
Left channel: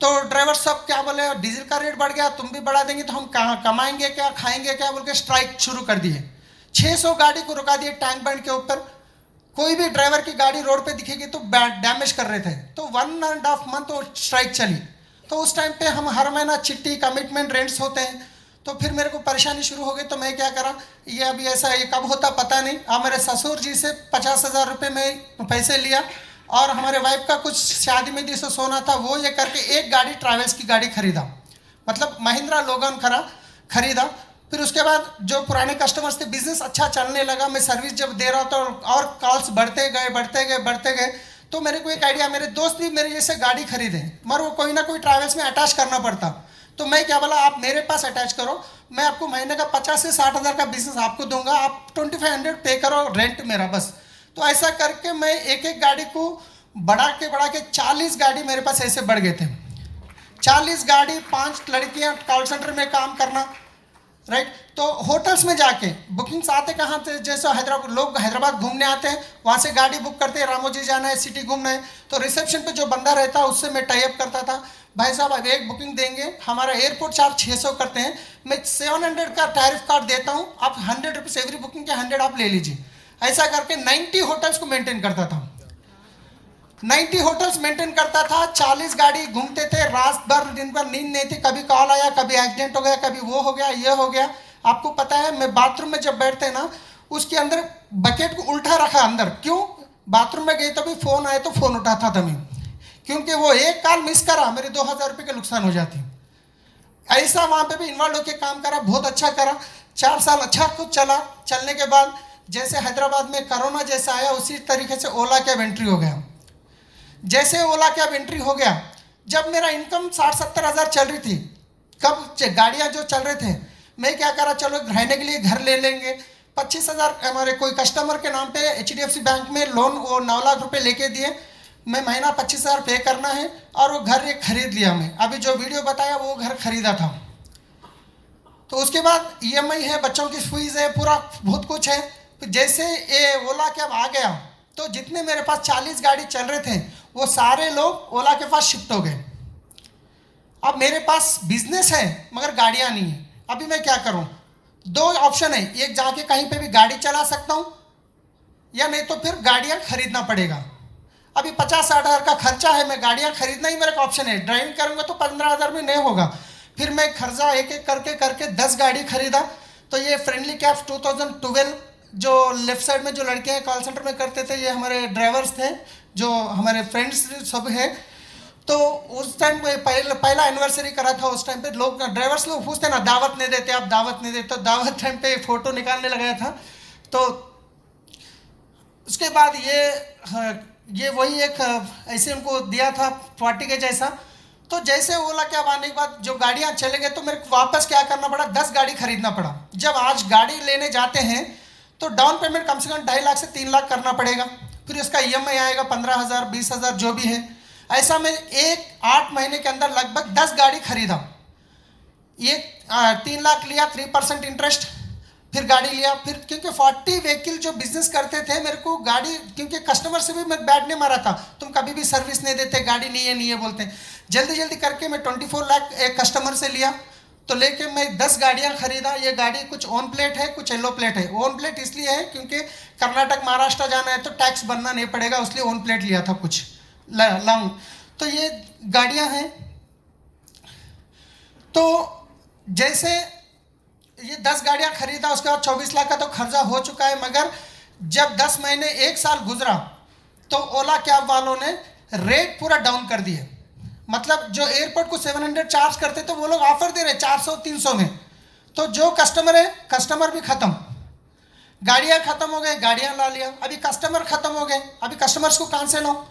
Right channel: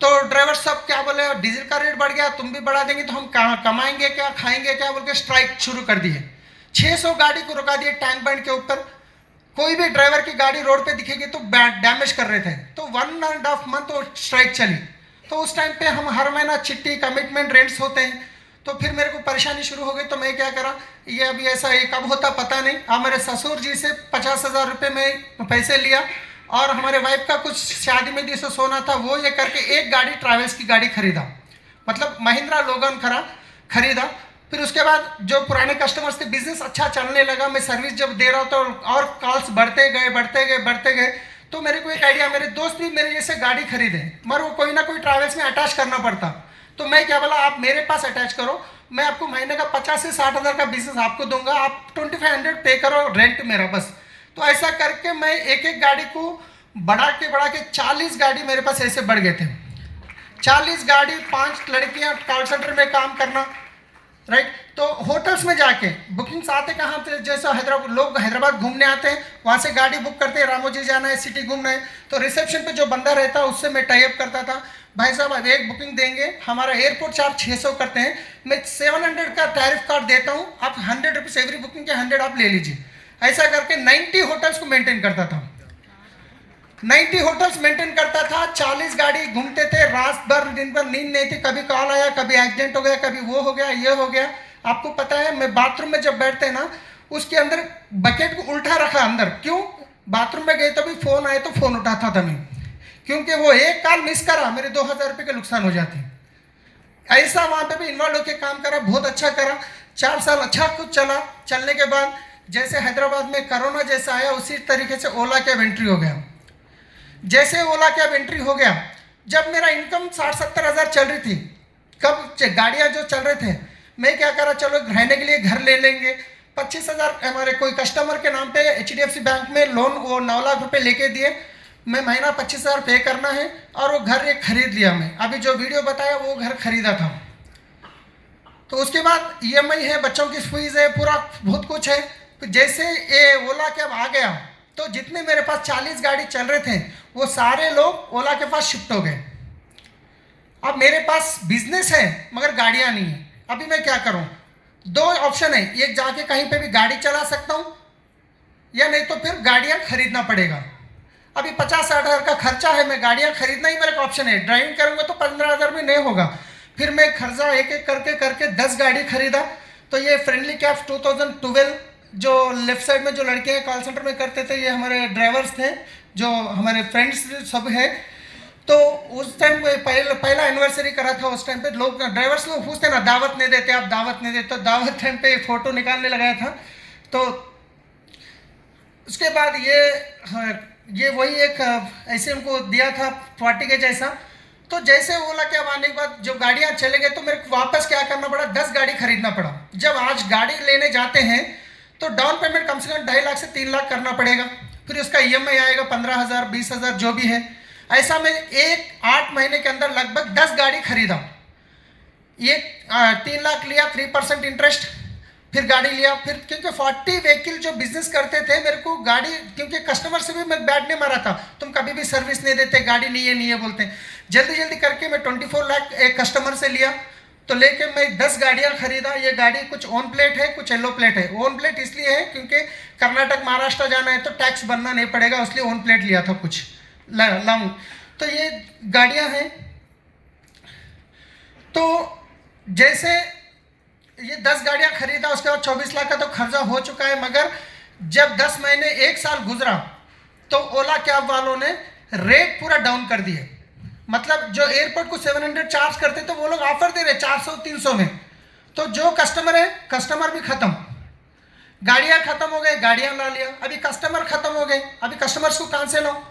तो ड्राइवर सब क्या बोले, डीजल का रेट बढ़ गया, तुम भी बढ़ा देंगे तो हम कहाँ कमाएंगे क्या, खाएंगे क्या, बोल के स्ट्राइक शुरू कर दिए। 600 गाड़ी को रुका दिए टैंक बैंड के ऊपर। कोई भी ड्राइवर की गाड़ी रोड पे दिखेगी तो डैमेज कर रहे थे। तो 1.5 मंथ वो स्ट्राइक चली। तो उस टाइम पे हम हर महीना चिट्ठी, कमिटमेंट, रेंट्स होते हैं। तो फिर मेरे को परेशानी शुरू हो गई। तो मैं क्या करा, ये अभी ऐसा ये कब होता पता नहीं। मेरे ससुर जी से 50,000 रुपये में पैसे लिया और हमारे वाइफ का कुछ शादी में दी सो सोना था, वो ये करके एक गाड़ी ट्रैवल्स की गाड़ी खरीदा, मतलब महिंद्रा लोगन खरीदा। फिर उसके बाद जो पुराने कस्टमर्स थे, बिजनेस अच्छा चलने लगा। मैं सर्विस जब दे रहा था और कॉल्स बढ़ते गए तो मेरे को एक आइडिया, मेरे दोस्त भी मेरे जैसे गाड़ी खरीदे, मगर वो कोई ना कोई ट्रैवल्स में अटैच करना पड़ता। तो मैं क्या बोला, आप मेरे पास अटैच करो, मैं आपको महीने का 50 से 60,000 का बिजनेस आपको दूंगा, आप 2500 पे करो रेंट मेरा बस। तो ऐसा करके मैं एक एक गाड़ी को बढ़ा के 40 गाड़ी मेरे पास ऐसे बढ़ गए थे। 40 गाड़ी, 5 लड़कियां कॉल सेंटर में काम करना, राइट। तो होटल्स में जाके बुकिंग्स आते कहाँ थे, जैसे लोग हैदराबाद घूमने आते हैं, वहाँ से गाड़ी बुक करते हैं, रामोजी जाना है, सिटी घूमना है, तो रिसेप्शन पे जो बंदा रहता है उससे मैं टाई अप करता था। भाई साहब अब एक बुकिंग देंगे, हमारा एयरपोर्ट चार्ज 600 करते हैं, मैं 700 का टैरिफ कार्ड देता हूँ, आप 100 रुपीज़ एवरी बुकिंग के 100 आप ले लीजिए। ऐसा करके 90 होटल्स को मेंटेन करता था। 90 होटल्स मेंटेन करता था। 40 गाड़ी घूमते थे, रात भर दिन भर नींद नहीं थी, कभी कॉल आया, कभी एक्सीडेंट हो गया, कभी वो हो गया, ये हो गया। आपको पता है, मैं बाथरूम में जब बैठते ना, उसके अंदर बकेट को उल्टा रखा अंदर, क्यों, बाथरूम में गए तो भी फोन आए तो फोन उठाता था मैं, क्योंकि वो एक कॉल मिस करा मेरे 2,000 रुपये के नुकसान हो जाते। ऐसा वहां पे भी इन्वॉल्व होकर काम करा, बहुत अच्छा करा। 4 साल अच्छा कुछ चला। चलने के बाद जैसे हैदराबाद में कोरोना जैसा आया, उसी तरीके से ओला कैब एंट्री हो गया। जैसे ओला कैब एंट्री हो गया, जब मेरा इनकम 60-70 हज़ार चल रही थी, कब गाड़ियां जो चल रहे थे, मैं क्या करा, चलो रहने के लिए घर ले लेंगे। 25,000 हमारे कोई कस्टमर के नाम पे HDFC बैंक में लोन, वो 9 लाख रुपए लेके दिए। मैं महीना 25,000 पे करना है और वो घर एक खरीद लिया। मैं अभी जो वीडियो बताया वो घर खरीदा था। तो उसके बाद EMI है, बच्चों की फीस है, पूरा बहुत कुछ है। तो जैसे ये ओला कैब आ गया, तो जितने मेरे पास 40 गाड़ी चल रहे थे, वो सारे लोग ओला के पास शिफ्ट हो गए। अब मेरे पास बिजनेस है मगर गाड़ियां नहीं है। अभी मैं क्या करूं, 2 ऑप्शन है, एक जाके कहीं पे भी गाड़ी चला सकता हूं, या नहीं तो फिर गाड़ियां खरीदना पड़ेगा। अभी 50-60 हज़ार का खर्चा है, मैं गाड़ियां खरीदना ही मेरा ऑप्शन है। ड्राइविंग करूंगा तो 15,000 में नहीं होगा। फिर मैं खर्चा एक एक करके 10 गाड़ी खरीदा। तो ये फ्रेंडली कैब 2012, जो लेफ्ट साइड में जो लड़के हैं कॉल सेंटर में करते थे, ये हमारे ड्राइवर्स थे, जो हमारे फ्रेंड्स सब है। तो उस टाइम पहला एनिवर्सरी करा था। उस टाइम पे लोग, ड्राइवर्स लोग पूछते ना, दावत नहीं देते, आप दावत नहीं देते, तो दावत टाइम पे फोटो निकालने लगाया था। तो उसके बाद ये वही एक ऐसे उनको दिया था पार्टी के जैसा। तो जैसे ओला कैब आने के बाद जो गाड़ियां चले गए, तो मेरे को वापस क्या करना पड़ा, 10 गाड़ी खरीदना पड़ा। जब आज गाड़ी लेने जाते हैं तो डाउन पेमेंट कम से कम 2.5 लाख से 3 लाख करना पड़ेगा। फिर उसका EMI आएगा 15,000, 20,000 जो भी है। ऐसा मैं 8 महीने के अंदर लगभग 10 गाड़ी खरीदा। ये 3 लाख लिया, 3% इंटरेस्ट, फिर गाड़ी लिया। फिर क्योंकि 40 व्हीकल जो बिजनेस करते थे, मेरे को गाड़ी, क्योंकि कस्टमर से भी मैं बैड नहीं मारा था, तुम कभी भी सर्विस नहीं देते, गाड़ी नहीं है बोलते। जल्दी करके मैं 24 लाख एक कस्टमर से लिया। तो लेके मैं 10 गाड़ियां खरीदा। ये गाड़ी कुछ ऑन प्लेट है, कुछ येलो प्लेट है। ऑन प्लेट इसलिए है क्योंकि कर्नाटक, महाराष्ट्र जाना है तो टैक्स भरना नहीं पड़ेगा, इसलिए ऑन प्लेट लिया था कुछ लॉन्ग। तो ये गाड़ियां हैं। तो जैसे ये 10 गाड़ियां खरीदा, उसके बाद 24 लाख का तो खर्चा हो चुका है। मगर जब 10 महीने 1 साल गुजरा, तो ओला कैब वालों ने रेट पूरा डाउन कर दिए। मतलब जो एयरपोर्ट को 700 चार्ज करते, तो वो लोग ऑफर दे रहे 400-300 में। तो जो कस्टमर है, कस्टमर भी खत्म, गाड़ियां खत्म हो गए, गाड़ियां ला लिया। अभी कस्टमर खत्म हो गए, अभी कस्टमर्स को कहां से लाऊं?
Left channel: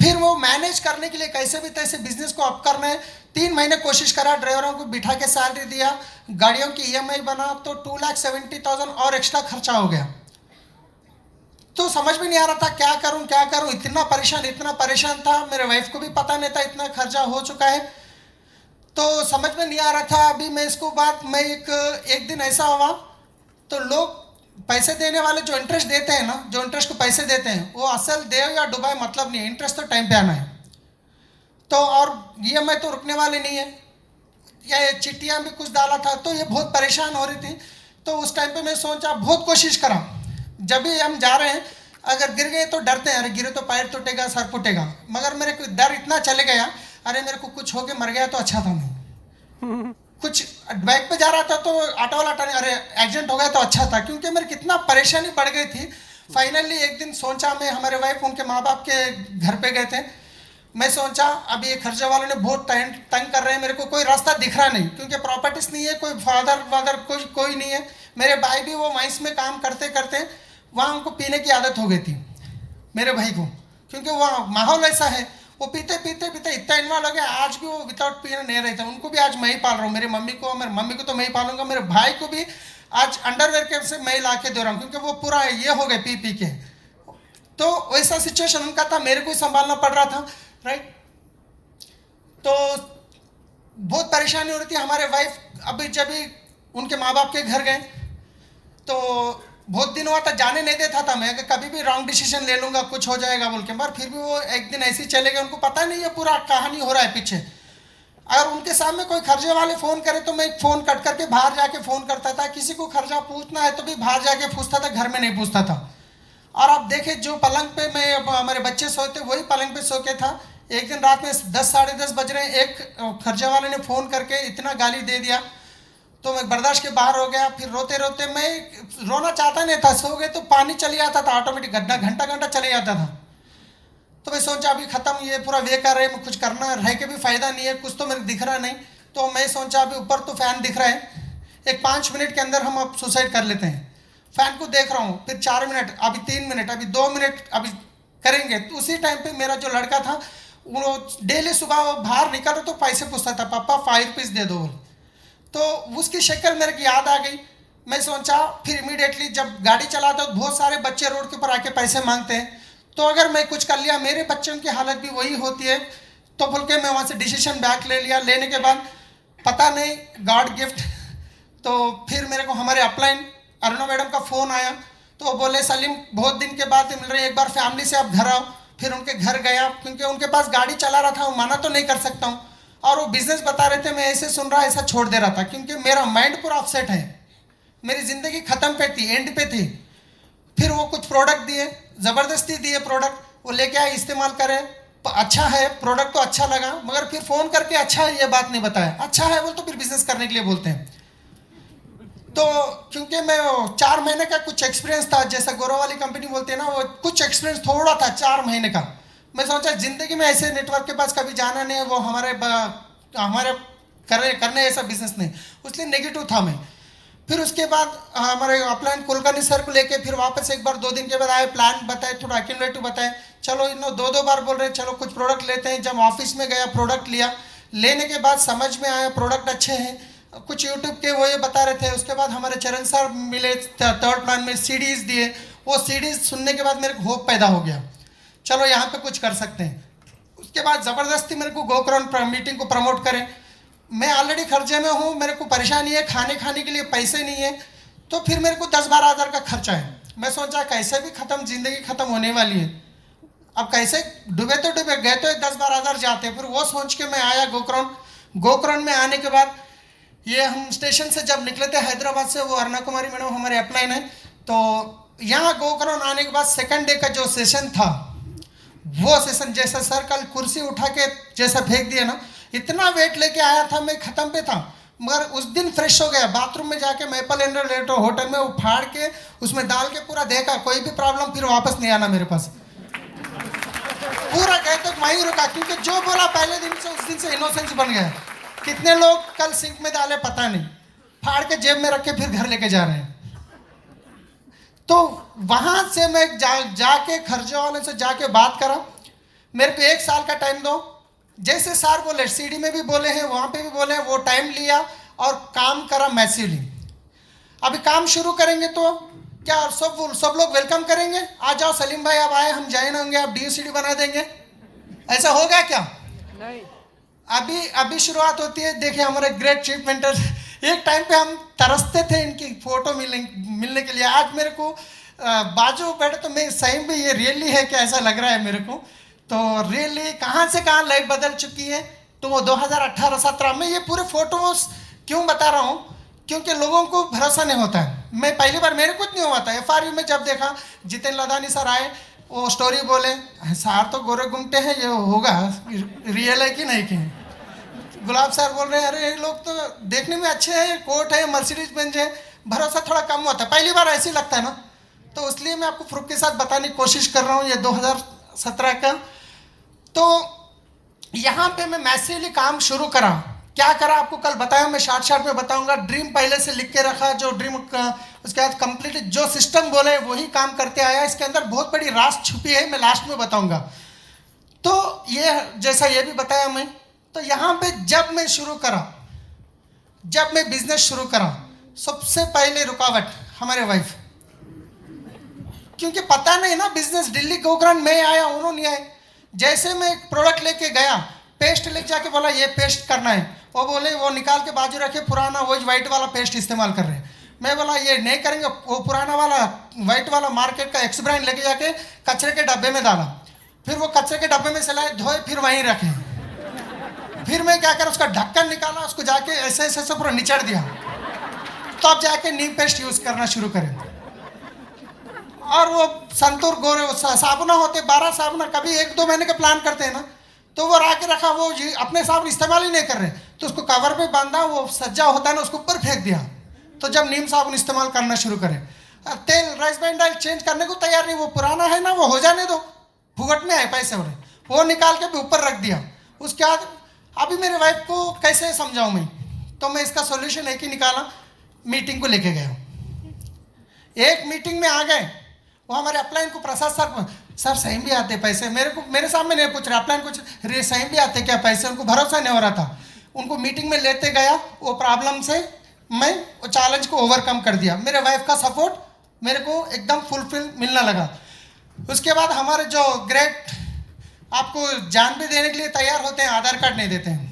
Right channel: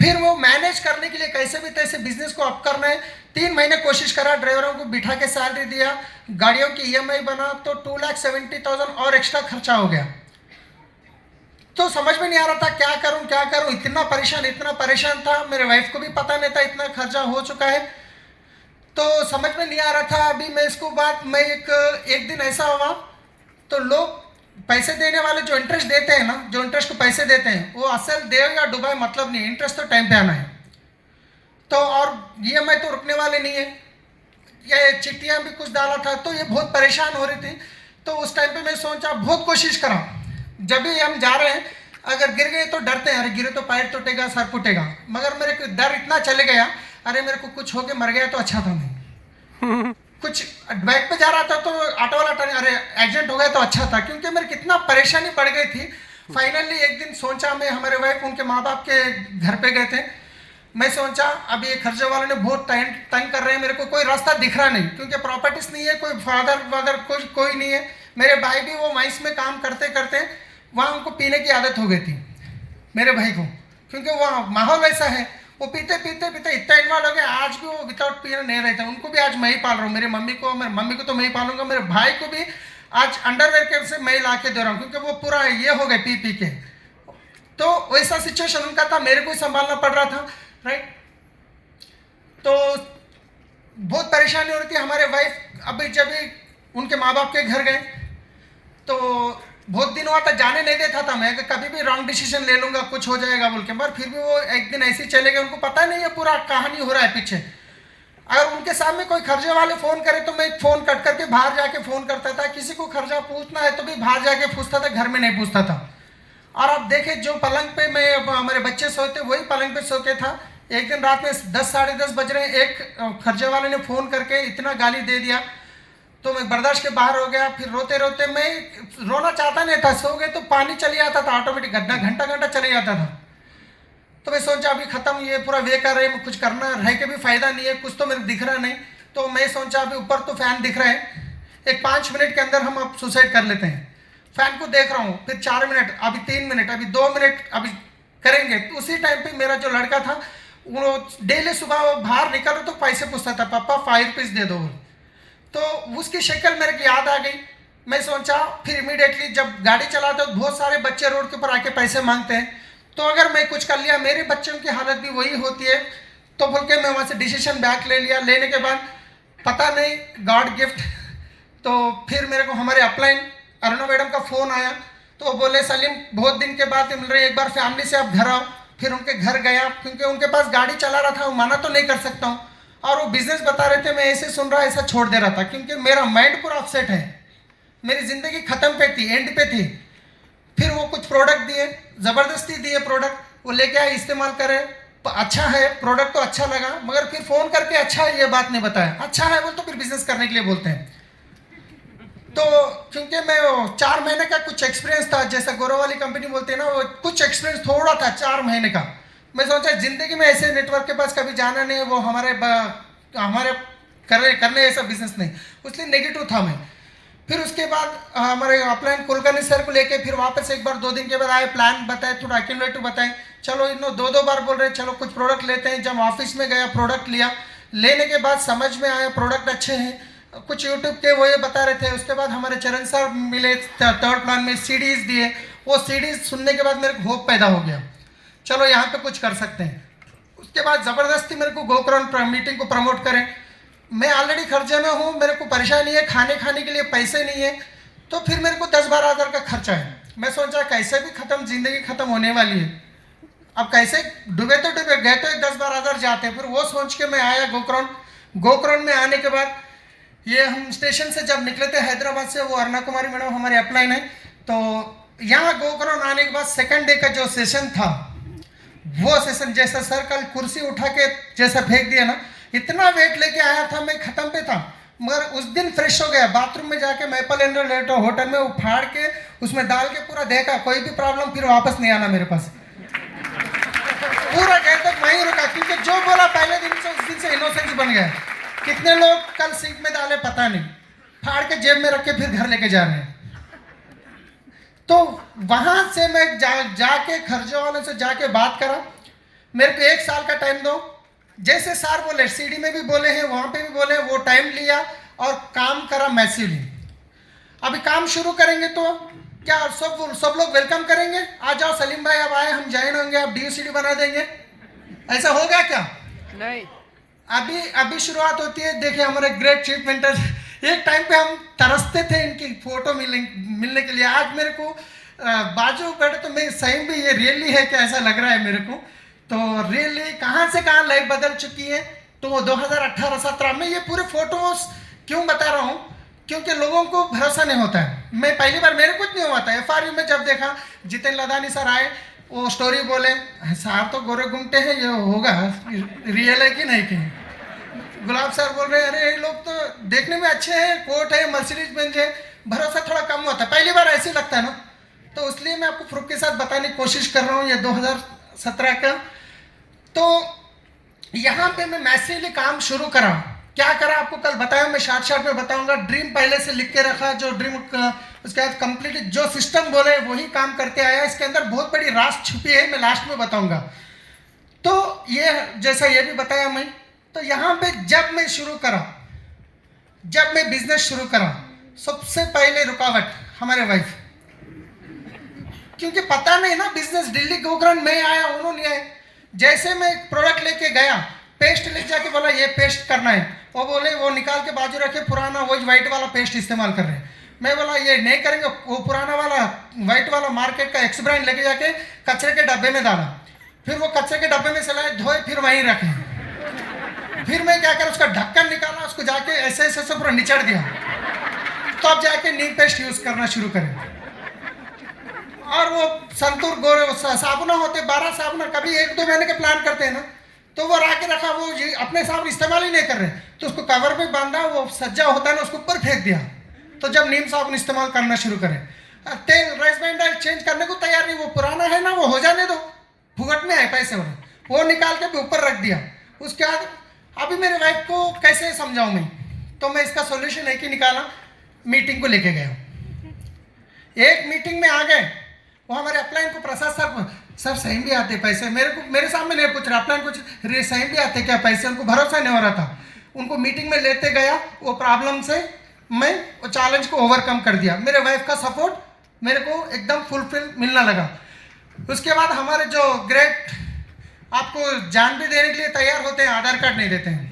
फिर वो मैनेज करने के लिए कैसे भी तैसे बिजनेस को अप करना है। 3 महीने कोशिश करा, ड्राइवरों को बिठा के सैलरी दिया, गाड़ियों की EMI बना, तो 2,70,000 और एक्स्ट्रा खर्चा हो गया। तो समझ में नहीं आ रहा था क्या करूं, इतना परेशान था। मेरे वाइफ को भी पता नहीं था इतना खर्चा हो चुका है, तो समझ में नहीं आ रहा था। अभी मैं इसको बात, मैं एक दिन ऐसा हुआ, तो लोग पैसे देने वाले जो इंटरेस्ट देते हैं ना, जो इंटरेस्ट को पैसे देते हैं, वो असल दे या डुबाए मतलब नहीं, इंटरेस्ट तो टाइम पे आना है। तो और EMI तो रुकने वाले नहीं है, ये चिट्ठियाँ भी कुछ डाला था, तो ये बहुत परेशान हो रही थी। तो उस टाइम पे मैं सोचा, बहुत कोशिश करा, जब भी हम जा रहे हैं अगर गिर गए तो डरते हैं, अरे गिरे तो पैर टूटेगा, सर फूटेगा, मगर मेरे को डर इतना चले गया, अरे मेरे को कुछ हो के मर गया तो अच्छा था। मैं कुछ बाइक पे जा रहा था तो ऑटो वाला टर्न, अरे एक्सीडेंट हो गया तो अच्छा था, क्योंकि मेरे कितना परेशानी बढ़ गई थी। फाइनली एक दिन सोचा मैं, हमारे वाइफ उनके माँ बाप के घर पे गए थे, मैं सोचा अब ये खर्चे वालों ने बहुत तंग कर रहे हैं, मेरे को कोई रास्ता दिख रहा नहीं, क्योंकि प्रॉपर्टीज नहीं है, कोई फादर वादर कोई नहीं है। मेरे भाई भी वो माइंस में काम करते करते वहाँ उनको पीने की आदत हो गई थी मेरे भाई को, क्योंकि वहाँ माहौल ऐसा है, वो पीते पीते पीते इतना इन्वॉल्व हो गया, आज भी वो विदाउट पीने नहीं रहते। उनको भी आज मैं ही पाल रहा हूँ, मेरी मम्मी को तो मैं ही पालूंगा, मेरे भाई को भी आज अंडरवेयर के से मैं ला के दे रहा हूँ, क्योंकि वो पूरा ये हो गए पी पी के। तो वैसा सिचुएशन उनका था, मेरे को ही संभालना पड़ रहा था, राइट। तो बहुत परेशानी हो रही थी। हमारे वाइफ अभी जब भी उनके माँ बाप के घर गए तो बहुत दिन हुआ था, जाने नहीं देता था मैं, कभी भी रॉन्ग डिसीजन ले लूंगा कुछ हो जाएगा बोल के, मगर फिर भी वो एक दिन ऐसे ही चले गए, उनको पता नहीं है पूरा कहानी हो रहा है पीछे। अगर उनके सामने कोई खर्चे वाले फोन करे तो मैं फोन कट करके बाहर जाके फोन करता था, किसी को खर्चा पूछना है तो भी बाहर जाके पूछता था, घर में नहीं पूछता था। और आप देखे जो पलंग पे मैं हमारे बच्चे सोते वही पलंग पे सो के था। एक दिन रात में 10 साढ़े 10 बज रहे, एक खर्चे वाले ने फोन करके इतना गाली दे दिया तो मैं बर्दाश्त के बाहर हो गया। फिर रोते रोते, मैं रोना चाहता नहीं था, सो गए तो पानी चली आता था ऑटोमेटिक, घंटा घंटा चले जाता था। तो मैं सोचा अभी खत्म, ये पूरा वे कर रहे हैं, कुछ करना रह के भी फायदा नहीं है, कुछ तो मेरे दिख रहा नहीं। तो मैं सोचा अभी ऊपर तो फैन दिख रहा है, एक 5 मिनट के अंदर हम अब सुसाइड कर लेते हैं। फैन को देख रहा हूँ, फिर 4 मिनट, अभी 3 मिनट, अभी 2 मिनट, अभी करेंगे। तो उसी टाइम पे मेरा जो लड़का था वो डेली सुबह वो बाहर निकल तो पैसे पूछता था, पापा 5 रुपीज दे दो। तो उसकी शक्ल मेरे को याद आ गई। मैं सोचा फिर इमीडिएटली जब गाड़ी चलाते तो बहुत सारे बच्चे रोड के ऊपर आके पैसे मांगते हैं, तो अगर मैं कुछ कर लिया मेरे बच्चों की हालत भी वही होती है, तो बोल के मैं वहाँ से डिसीजन बैक ले लिया। लेने के बाद पता नहीं गॉड गिफ्ट, तो फिर मेरे को हमारे अपलाइन अरुणा मैडम का फ़ोन आया, तो वो बोले सलीम बहुत दिन के बाद मिल रही है, एक बार फैमिली से आप घर आओ। फिर उनके घर गया, क्योंकि उनके पास गाड़ी चला रहा था, वो माना तो नहीं कर सकता हूँ, और वो बिजनेस बता रहे थे, मैं ऐसे सुन रहा ऐसा छोड़ दे रहा था, क्योंकि मेरा माइंड पूरा अपसेट है, मेरी ज़िंदगी ख़त्म पे थी, एंड पे थी। फिर वो कुछ प्रोडक्ट दिए, ज़बरदस्ती दिए प्रोडक्ट, वो लेके आए, इस्तेमाल करे, अच्छा है प्रोडक्ट तो अच्छा लगा, मगर फिर फ़ोन करके अच्छा है ये बात नहीं बताया, अच्छा है बोल तो फिर बिजनेस करने के लिए बोलते हैं। तो क्योंकि मैं 4 महीने का कुछ एक्सपीरियंस था, जैसा गौरव वाली कंपनी बोलते हैं ना, वो कुछ एक्सपीरियंस थोड़ा था 4 महीने का। मैं सोचा ज़िंदगी में ऐसे नेटवर्क के पास कभी जाना नहीं, वो हमारे करने ऐसा बिजनेस नहीं, इसलिए नेगेटिव था मैं। फिर उसके बाद हमारे अपलाइन कुलकर्णी सर को लेके फिर वापस एक बार 2 दिन के बाद आए, प्लान बताए, थोड़ा एक्यूमुलेटिव बताए, चलो इन 2 बार बोल रहे चलो कुछ प्रोडक्ट लेते हैं। जब ऑफिस में गया प्रोडक्ट लिया, लेने के बाद समझ में आया प्रोडक्ट अच्छे हैं, कुछ यूट्यूब के वो ये बता रहे थे। उसके बाद हमारे चरण सर मिले, 3rd प्लान में सीडीज दिए, वो सीडीज सुनने के बाद मेरे को होप पैदा हो गया, चलो यहाँ पे कुछ कर सकते हैं। उसके बाद ज़बरदस्ती मेरे को गोकर्ण मीटिंग को प्रमोट करें, मैं ऑलरेडी खर्चे में हूँ, मेरे को परेशानी है, खाने के लिए पैसे नहीं है, तो फिर मेरे को 10-12 हज़ार का खर्चा है। मैं सोचा कैसे भी खत्म, जिंदगी खत्म होने वाली है, अब कैसे डूबे तो डूबे, गए तो 10-12 हज़ार जाते हैं। फिर वो सोच के मैं आया गोकर्ण में आने के बाद ये हम स्टेशन से जब निकले थे हैदराबाद से, वो अरुणा कुमारी मैडम हमारे अपलाइन है, तो यहाँ गोकर्ण आने के बाद सेकंड डे का जो सेशन था, वो सेशन जैसा सर कल कुर्सी उठा के जैसा फेंक दिया ना, इतना वेट लेके आया था मैं, खत्म पे था, मगर उस दिन फ्रेश हो गया। बाथरूम में जाके मैपल एंड होटल में उफाड़ के उसमें डाल के पूरा देखा, कोई भी प्रॉब्लम, फिर वापस नहीं आना मेरे पास, पूरा गए तक वहीं रुका, क्योंकि जो बोला पहले दिन से उस दिन से इनोसेंस बन गया। कितने लोग कल सीट में डाले पता नहीं, फाड़ के जेब में रख के फिर घर लेके जा रहे हैं। तो वहां से मैं जाके खर्चे वाले से जाके बात करा, मेरे को 1 साल का टाइम दो, जैसे सर बोले, सीडी में भी बोले हैं, वहां पे भी बोले हैं, वो टाइम लिया और काम करा मैसिवली। अभी काम शुरू करेंगे तो क्या सब लोग वेलकम करेंगे, आ जाओ सलीम भाई अब आए, हम ज्वाइन होंगे, आप DCD बना देंगे, ऐसा होगा क्या? नहीं। अभी शुरुआत होती है। देखिए हमारे ग्रेट चीफ मेंटर, एक टाइम पे हम तरसते थे इनकी फोटो मिलने के लिए, आज मेरे को बाजू बैठे तो मैं सही में ये रियली है कि ऐसा लग रहा है मेरे को तो रियली कहाँ से कहाँ लाइफ बदल चुकी है। तो वो 2018-17 में ये पूरे फोटोज क्यों बता रहा हूँ, क्योंकि लोगों को भरोसा नहीं होता है। मैं पहली बार मेरे कुछ नहीं हुआ था, FRU में जब देखा जितेन लदानी सर आए, वो स्टोरी बोले, सार तो गोरे घूमते हैं, ये होगा रियल है कि नहीं कि। गुलाब सर बोल रहे हैं अरे ये लोग तो देखने में अच्छे हैं, कोट है, मर्सिडीज बेंज है, भरोसा थोड़ा कम होता है, पहली बार ऐसे लगता है ना। तो इसलिए मैं आपको प्रूफ के साथ बताने की कोशिश कर रहा हूँ ये 2017 का। तो यहाँ पे मैं मैसिवली काम शुरू करा, क्या करा आपको कल बताया, मैं शॉर्ट में बताऊंगा। ड्रीम पहले से लिख के रखा, जो ड्रीम उसके बाद कंप्लीट जो सिस्टम बोले वही काम करते आया। इसके अंदर बहुत बड़ी राज छुपी है, मैं लास्ट में बताऊंगा। तो ये जैसा ये भी बताया मैं, तो यहाँ पे जब मैं शुरू करा, जब मैं बिजनेस शुरू करा, सबसे पहले रुकावट हमारे वाइफ, क्योंकि पता नहीं ना बिजनेस। दिल्ली गोकर्ण में आया, उन्होंने आए, जैसे मैं प्रोडक्ट लेके गया, पेस्ट ले जाके बोला ये पेस्ट करना है, वो बोले वो निकाल के बाजू रखे पुराना वो वाइट वाला पेस्ट इस्तेमाल कर रहे हैं। मैं बोला ये नहीं करेंगे, वो पुराना वाला वाइट वाला मार्केट का एक्स ब्रांड लेके जाके कचरे के डब्बे में डाला, फिर वो कचरे के डब्बे में चलाए, धोए, फिर वहीं रखे। फिर मैं क्या करा, उसका ढक्कन निकाला, उसको जाके ऐसे ऐसे पूरा निचड़ दिया, तब जाके नीम पेस्ट यूज करना शुरू करें। और वो संतूर गोरे साबुना होते 12 साबुना, कभी 1-2 महीने के प्लान करते हैं ना, तो वो ला के रखा, वो अपने साबुन इस्तेमाल ही नहीं कर रहे, तो उसको कवर पे बांधा, वो सज्जा होता है ना, उसको ऊपर फेंक दिया। तो जब नीम साबुन इस्तेमाल करना शुरू करें, तेल राइस ब्रांड ऑयल चेंज करने को तैयार नहीं, वो पुराना है ना, वो हो जाने दो, फुगट में है पैसे वाले, वो निकाल के भी ऊपर रख दिया। उसके बाद अभी मेरे वाइफ को कैसे समझाऊं मैं, तो मैं इसका सोल्यूशन एक ही निकाला, मीटिंग को लेके गया। एक मीटिंग में आ गए, वो हमारे अपलाइन को प्रसाद सर सही भी आते पैसे, मेरे सामने नहीं पूछ रहे, अपलाइन कुछ रे सही भी आते क्या पैसे, उनको भरोसा नहीं हो रहा था। उनको मीटिंग में लेते गया, वो प्रॉब्लम से मैं वो चैलेंज को ओवरकम कर दिया। मेरे वाइफ का सपोर्ट मेरे को एकदम फुलफिल मिलने लगा। उसके बाद हमारे जो ग्रेट आपको जान भी देने के लिए तैयार होते हैं, आधार कार्ड नहीं देते हैं।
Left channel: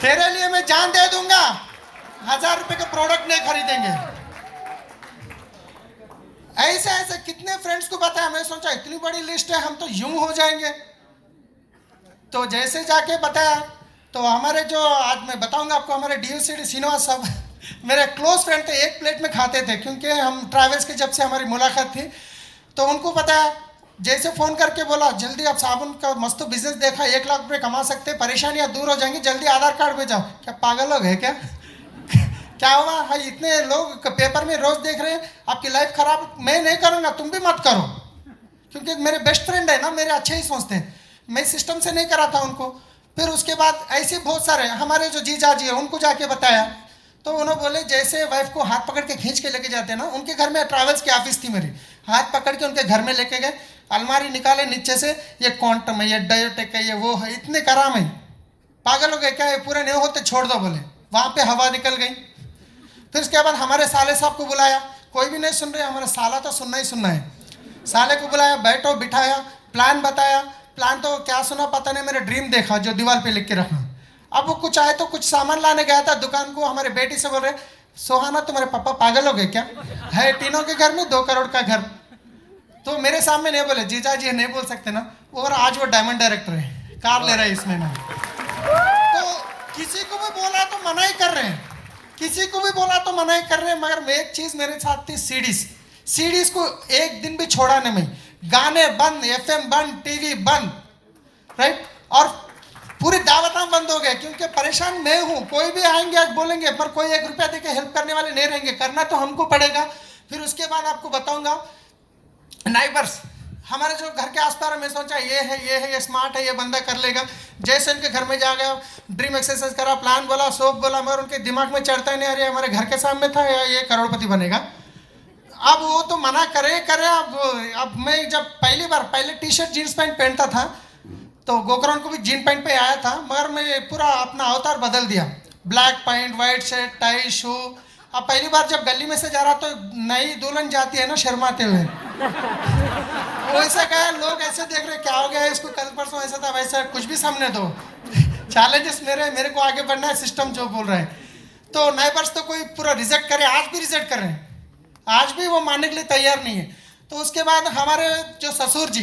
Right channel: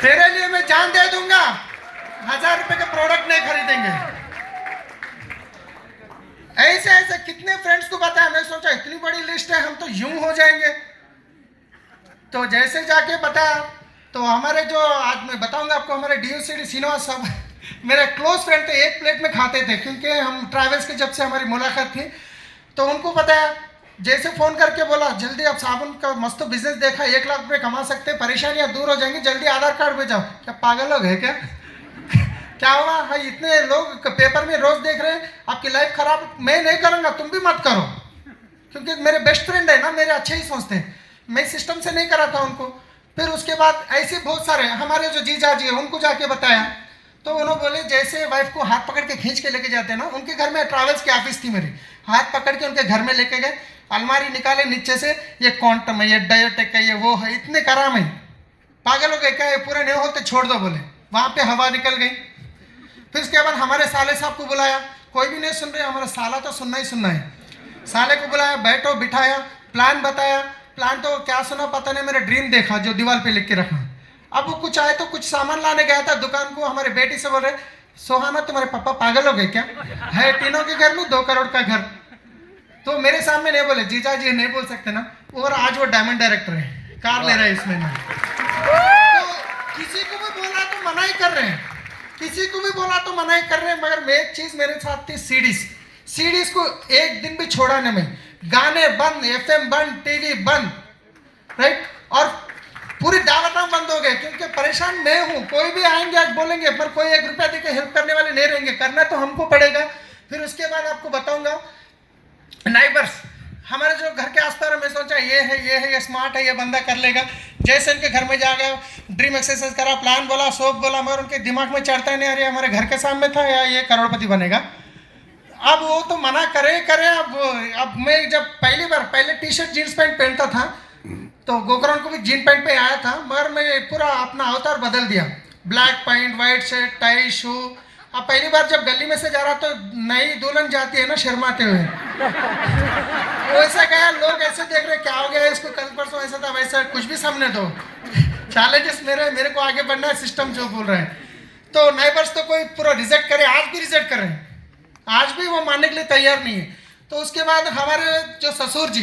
तेरे लिए मैं जान दे दूंगा, 1000 रुपए के प्रोडक्ट नहीं खरीदेंगे। ऐसे ऐसे कितने फ्रेंड्स को बताया, मैं सोचा इतनी बड़ी लिस्ट है, हम तो यूं हो जाएंगे। तो जैसे जाके बताया, तो हमारे जो आज मैं बताऊंगा आपको, हमारे DOCD श्रीनिवास साहब मेरे क्लोज फ्रेंड थे, एक प्लेट में खाते थे, क्योंकि हम ट्रैवल्स की जब से हमारी मुलाकात थी। तो उनको बताया, जैसे फ़ोन करके बोला जल्दी आप साबुन का मस्त बिजनेस देखा, 1 लाख रुपये कमा सकते हैं, परेशानियाँ दूर हो जाएंगी, जल्दी आधार कार्ड भेजाओ। क्या पागल लोग है क्या? क्या हुआ भाई, इतने लोग पेपर में रोज देख रहे हैं, आपकी लाइफ खराब, मैं नहीं करूँगा, तुम भी मत करो, क्योंकि मेरे बेस्ट फ्रेंड है ना, मेरे अच्छे ही सोचते हैं। मैं सिस्टम से नहीं करा था उनको। फिर उसके बाद ऐसे बहुत सारे हमारे जो जीजा जी है, उनको जाके बताया, तो उन्होंने बोले जैसे वाइफ को हाथ पकड़ के खींच के लेके जाते हैं ना, उनके घर में ट्रैवल्स की ऑफिस थी मेरी, हाथ पकड़ के उनके घर में लेके गए, अलमारी निकाले नीचे से, ये क्वांटम है, ये डायोटेक है, ये वो है, इतने कराम है, पागल हो गए क्या, ये पूरे नहीं होते छोड़ दो, बोले। वहाँ पे हवा निकल गई। फिर उसके बाद हमारे साले साहब को बुलाया, कोई भी नहीं सुन रहे, हमारा साला तो सुनना ही सुनना है। साले को बुलाया, बैठो बिठाया, प्लान बताया, प्लान तो क्या सुना पता नहीं, मेरा ड्रीम देखा जो दीवार पे लिख के रखना। अब वो कुछ आए तो कुछ सामान लाने गया था दुकान को, हमारे बेटी से बोल रहे, सोहाना तुम्हारे पापा पागल हो गए क्या, है तीनों के घर में 2 करोड़ का घर। तो मेरे सामने नहीं बोले, जीजा जी नहीं बोल सकते ना, और आज वो डायमंड डायरेक्टर है, कार ले रहे हैं इस महीने। तो किसी को भी बोला तो मना ही कर रहे हैं, किसी को भी बोला तो मना ही कर रहे हैं। मगर मैं एक चीज मेरे साथ थी, सीडीज को एक दिन भी छोड़ा नहीं मैं, गाने बंद, FM बंद, टीवी बंद, राइट, और पूरी दावतां बंद हो गए, क्योंकि परेशान मैं हूँ। कोई भी आएंगे आज बोलेंगे, पर कोई 1 रुपया देके हेल्प करने वाले नहीं रहेंगे, करना तो हमको पड़ेगा। फिर उसके बाद आपको बताऊंगा नाइबर्स, हमारे जो घर के आसपास, मैं सोचा ये है, ये स्मार्ट है, ये बंदा कर लेगा। जैसे उनके घर में जा गया, ड्रीम एक्सरसाइज करा, प्लान बोला, सोप बोला, मगर उनके दिमाग में चढ़ता ही नहीं, अरे हमारे घर के सामने था, या ये करोड़पति बनेगा। अब वो तो मना करे। अब मैं जब पहले टी-शर्ट जीन्स पैंट पहनता था, तो गोकर्ण को भी जीन पैंट पे आया था, मगर मैं पूरा अपना अवतार बदल दिया, black pant, white shirt, tie, shoe. अब पहली बार जब गली में से जा रहा तो नई दुल्हन जाती है ना शर्माते हुए, वैसा क्या, लोग ऐसे देख रहे क्या हो गया इसको, कल परसों ऐसा था वैसा, कुछ भी सामने दो, चैलेंजेस मेरे को आगे बढ़ना है, सिस्टम जो बोल रहे हैं। तो नाइबर्स तो कोई पूरा रिजेक्ट करे, आज भी रिजेक्ट कर रहे हैं, आज भी वो मानने के लिए तैयार नहीं है। तो उसके बाद हमारे जो ससुर जी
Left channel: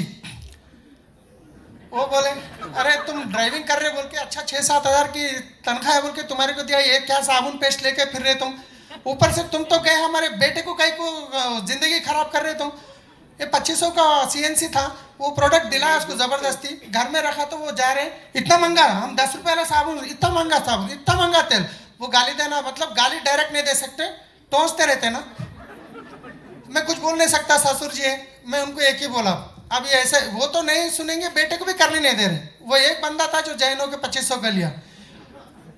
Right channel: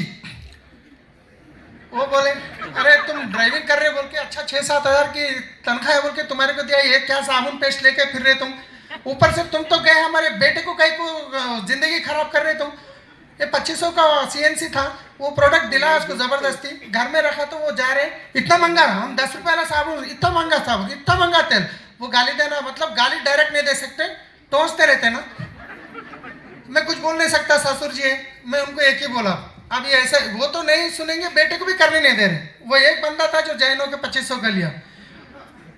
वो बोले, अरे तुम ड्राइविंग कर रहे बोल के, अच्छा 6-7 हज़ार की तनख्वाह है बोल के तुम्हारे को दिया, ये क्या साबुन पेस्ट लेके फिर रहे तुम, ऊपर से तुम तो गए हमारे बेटे को कहीं को जिंदगी खराब कर रहे तुम। ये 2500 का CNC था, वो प्रोडक्ट दिला उसको जबरदस्ती, घर में रखा तो वो जा रहे इतना महंगा, हम 10 रुपये वाला साबुन, इतना महंगा साबुन, इतना महंगा तेल, वो गाली देना, मतलब गाली डायरेक्ट नहीं दे सकते, टोंसते रहते ना। मैं कुछ बोल नहीं सकता, ससुर जी है, मैं उनको एक ही बोला, अब ये ऐसे वो तो नहीं सुनेंगे, बेटे को भी करने नहीं दे रहे। वो एक बंदा था जो जैनों के 2500 का लिया,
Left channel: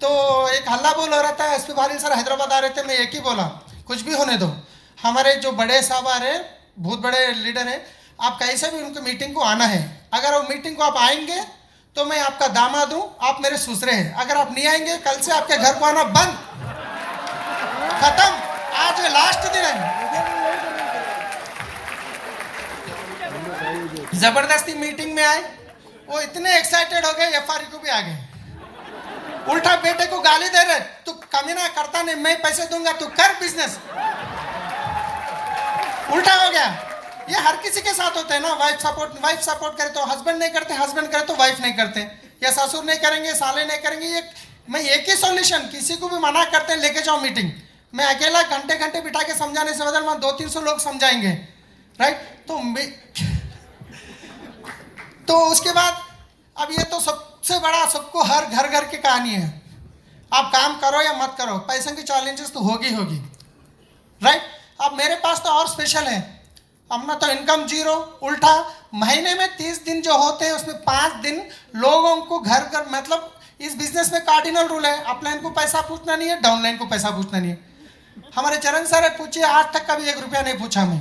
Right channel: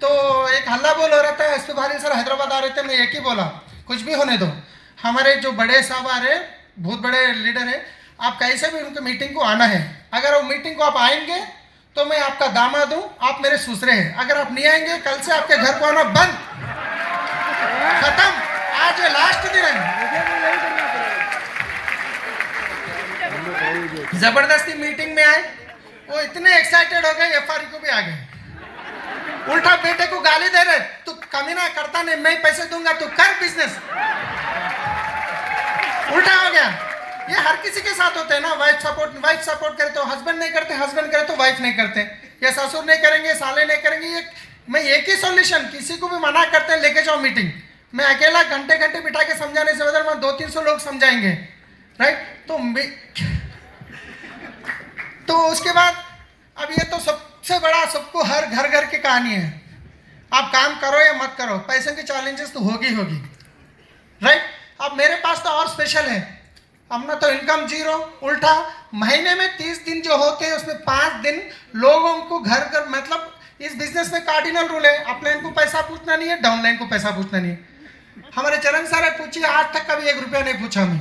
तो एक हल्ला बोल हो रहा था, SP भाली सर हैदराबाद आ रहे थे, मैं एक ही बोला कुछ भी होने दो, हमारे जो बड़े साहब आ रहे, बहुत बड़े लीडर है, आप कैसे भी उनके मीटिंग को आना है, अगर वो मीटिंग को आप आएंगे तो मैं आपका दामाद हूँ, आप मेरे ससुरे हैं, अगर आप नहीं आएंगे कल से आपके घर को आना बंद, खत्म, आज लास्ट दिन है। जबरदस्ती मीटिंग में आए, वो इतने एक्साइटेड हो गए, FRE को भी आ गए, उल्टा बेटे को गाली दे रहे, तू कमीना करता नहीं, मैं पैसे दूंगा, तू कर बिजनेस, उल्टा हो गया। ये हर किसी के साथ होते हैं ना, वाइफ सपोर्ट करे तो हस्बैंड नहीं करते, हस्बैंड करे तो वाइफ नहीं करते, या ससुर नहीं करेंगे, साले नहीं करेंगे, ये मैं एक ही सॉल्यूशन, किसी को भी मना करते हैं लेके जाओ मीटिंग, मैं अकेला घंटे घंटे बिठा के समझाने से बदल 200-300 लोग समझाएंगे, राइट। तो उसके बाद अब ये तो सबसे बड़ा, सबको हर घर की कहानी है, आप काम करो या मत करो, पैसे की चैलेंजेस तो होगी, राइट। अब मेरे पास तो और स्पेशल है, अपना तो इनकम जीरो, उल्टा महीने में 30 दिन जो होते हैं उसमें 5 दिन लोगों को घर, मतलब इस बिजनेस में कार्डिनल रूल है, अपलाइन को पैसा पूछना नहीं है, डाउनलाइन को पैसा पूछना नहीं है। हमारे चरण सर पूछिए, आज तक कभी 1 रुपया नहीं पूछा मैं,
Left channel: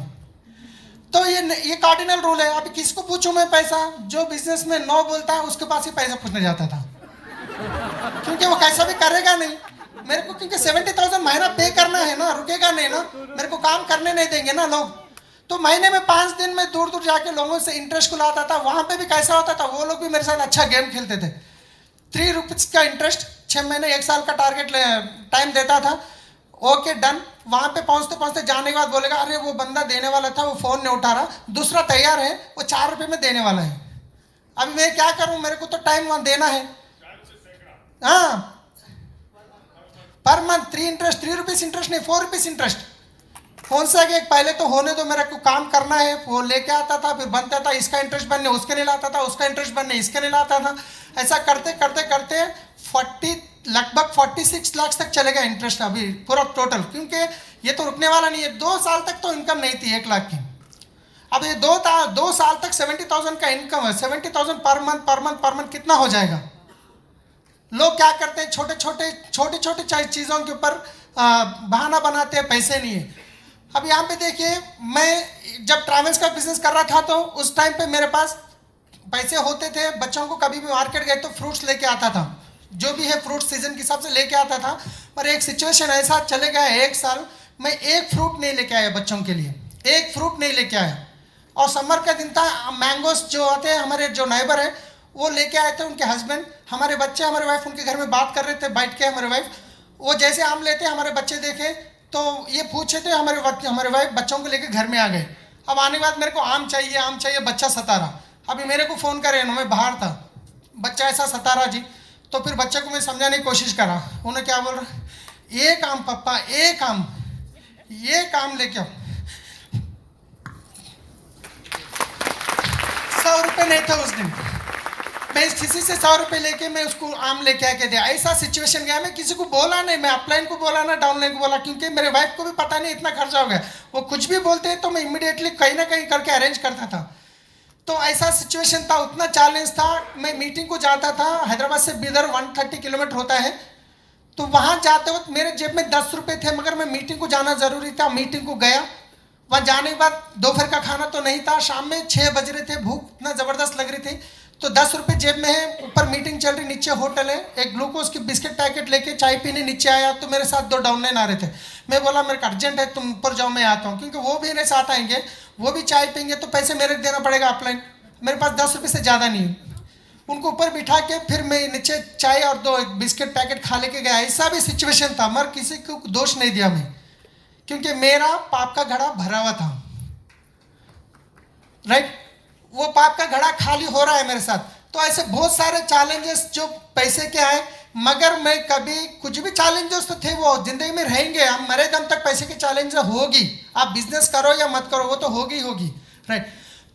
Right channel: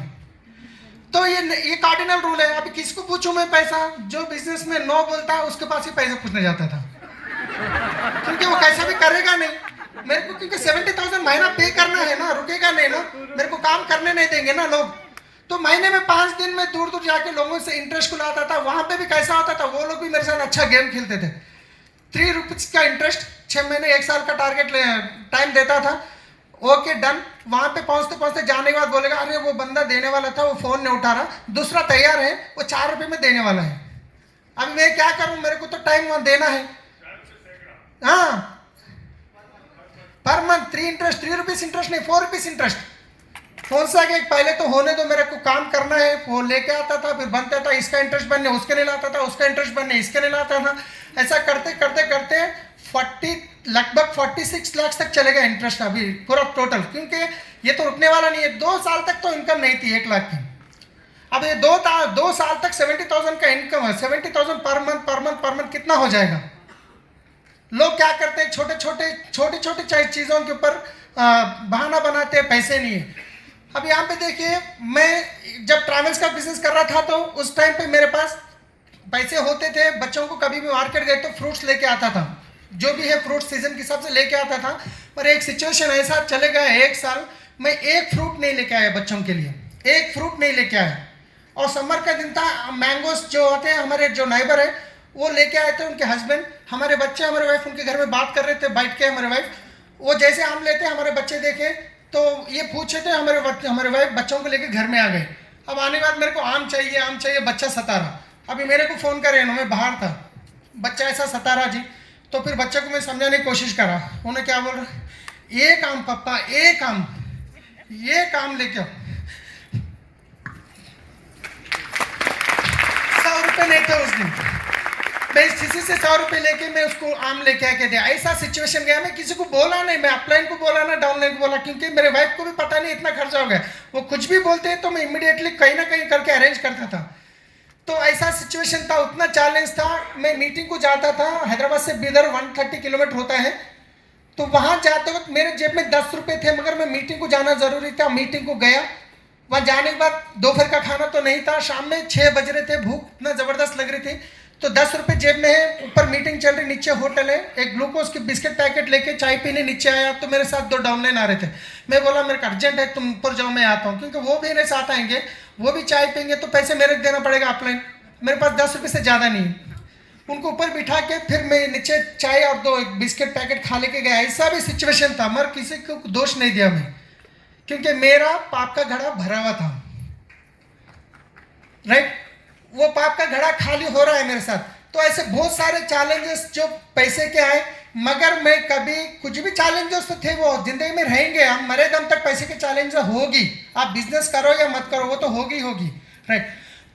तो ये कार्डिनल रूल है। अभी किसको पूछूं मैं पैसा, जो बिजनेस में नो बोलता है उसके पास ही पैसा पूछने जाता था, क्योंकि वो कैसा भी करेगा नहीं मेरे को, क्योंकि 70,000 महीना पे करना है ना, रुकेगा नहीं ना, मेरे को काम करने नहीं देंगे ना लोग। तो महीने में 5 दिन में दूर दूर जाके लोगों से इंटरेस्ट को लाता था, वहां पे भी कैसा होता था, वो लोग भी मेरे साथ अच्छा गेम खेलते थे। 3 रुपीज का इंटरेस्ट, 6 महीने 1 साल का टारगेट टाइम देता था, ओके डन। वहां पे पहुंचते पहुंचते जाने के बाद बोलेगा, अरे वो बंदा देने वाला था, वो फोन नहीं उठा रहा, दूसरा तैयार है, वो 4 रुपये में देने वाला है, अभी मैं क्या करूं, मेरे को तो टाइम वहां देना है। हाँ, पर मंथ 3 रुपीज इंटरेस्ट नहीं, 4 रुपीज इंटरेस्ट, फोन से आगे पहले तो होने दो, मेरे को काम करना है, वो लेके आता था, फिर बनता था, इसका इंटरेस्ट बनने उसके नहीं लाता था, उसका इंटरेस्ट बनने इसके नहीं लाता था, ऐसा करते करते करते लगभग 46 लाख तक चलेगा इंटरेस्ट अभी पूरा टोटल, क्योंकि ये तो रुकने वाला नहीं है। 2 साल तक तो इनकम नहीं थी 1 लाख की, अब ये 2 साल तक 70,000 का इनकम है, 70,000 पर मंथ कितना हो जाएगा। लोग क्या करते हैं, छोटे चीज़ों के ऊपर बहाना बनाते हैं, पैसे नहीं है। अब यहाँ पे देखिए, मैं जब ट्रैवल्स का बिजनेस कर रहा था तो उस टाइम पे मेरे पास पैसे होते थे, बच्चों को कभी भी मार्केट गए तो फ्रूट्स लेके आता था, जो भी है फ्रूट सीजन के हिसाब से लेके आता था। पर एक सिचुएशन ऐसा चले गया, 1 साल मैं 1 फ्रूट नहीं लेके आया बच्चों के लिए, 1 फ्रूट नहीं लेके आया। और समर का दिन था, मैंगोस जो होते हैं, हमारे जो नाइबर है वो लेके आए थे, उनके हस्बैंड, हमारे बच्चे, हमारे वाइफ उनके घर में बात कर रहे थे बैठ के, हमारे वाइफ वो जैसे आम लेते, हमारे बच्चे देखे तो ये पूछे थे, हमारे वाइफ बच्चों को लेके घर में आ गए। अब आने के बाद मेरे को आम चाहिए, बच्चा सता रहा, अभी मेरे को फ़ोन करे ना, मैं बाहर था, बच्चा ऐसा सता रहा जी, तो फिर बच्चे को मैं समझाने की कोशिश करा, उन्हें क्या बोल रहा, 1 आम पापा, 1 आम, ये काम लेके आओ। 100 रुपये नहीं था उस दिन, मैं किसी से 100 रुपये लेके मैं उसको आम लेके आके दिया, ऐसा सिचुएशन गया। मैं किसी को बोला नहीं, मैं अपलाइन को बोला ना डाउनलाइन को बोला, क्योंकि मेरे वाइफ को भी पता नहीं इतना खर्चा हो गया, वो कुछ भी बोलते हैं तो मैं इमीडिएटली कहीं ना कहीं करके अरेंज करता था। तो ऐसा सिचुएशन था, उतना चैलेंज था। मैं मीटिंग को जाता था, हैदराबाद से बीदर 130 किलोमीटर होता है, तो वहाँ जाते वक्त मेरे जेब में 10 रुपये थे, मगर मैं मीटिंग को जाना ज़रूरी था, मीटिंग को गया। वहाँ जाने के बाद दोपहर का खाना तो नहीं था, शाम में 6 बज रहे थे, भूख इतना ज़बरदस्त लग रही थी, तो 10 रुपये जेब में है, ऊपर मीटिंग चल रही, नीचे होटल है, एक ग्लूकोज की बिस्किट पैकेट लेके चाय पीने नीचे आया, तो मेरे साथ 2 डाउनलाइन आ रहे थे। मैं बोला मेरे को अर्जेंट है, तुम ऊपर जाओ, मैं आता हूँ, क्योंकि वो भी मेरे साथ आएंगे, वो भी चाय पियेंगे, तो पैसे मेरे को देना पड़ेगा अपलाइन, मेरे पास 10 रुपये से ज़्यादा नहीं। उनको ऊपर बिठा के फिर मैं नीचे चाय और 2 बिस्किट पैकेट खा लेके गया। ऐसा भी सिचुएशन था, मगर किसी को दोष नहीं दिया मैं, क्योंकि मेरा पाप का घड़ा भरा हुआ था। राइट, वो पाप का घड़ा खाली हो रहा है मेरे साथ। तो ऐसे बहुत सारे चैलेंजेस जो पैसे के आए, मगर मैं कभी कुछ भी चैलेंजेस तो थे वो जिंदगी में रहेंगे, हम मरे दम तक पैसे के चैलेंज होगी, आप बिजनेस करो या मत करो वो तो होगी। राइट,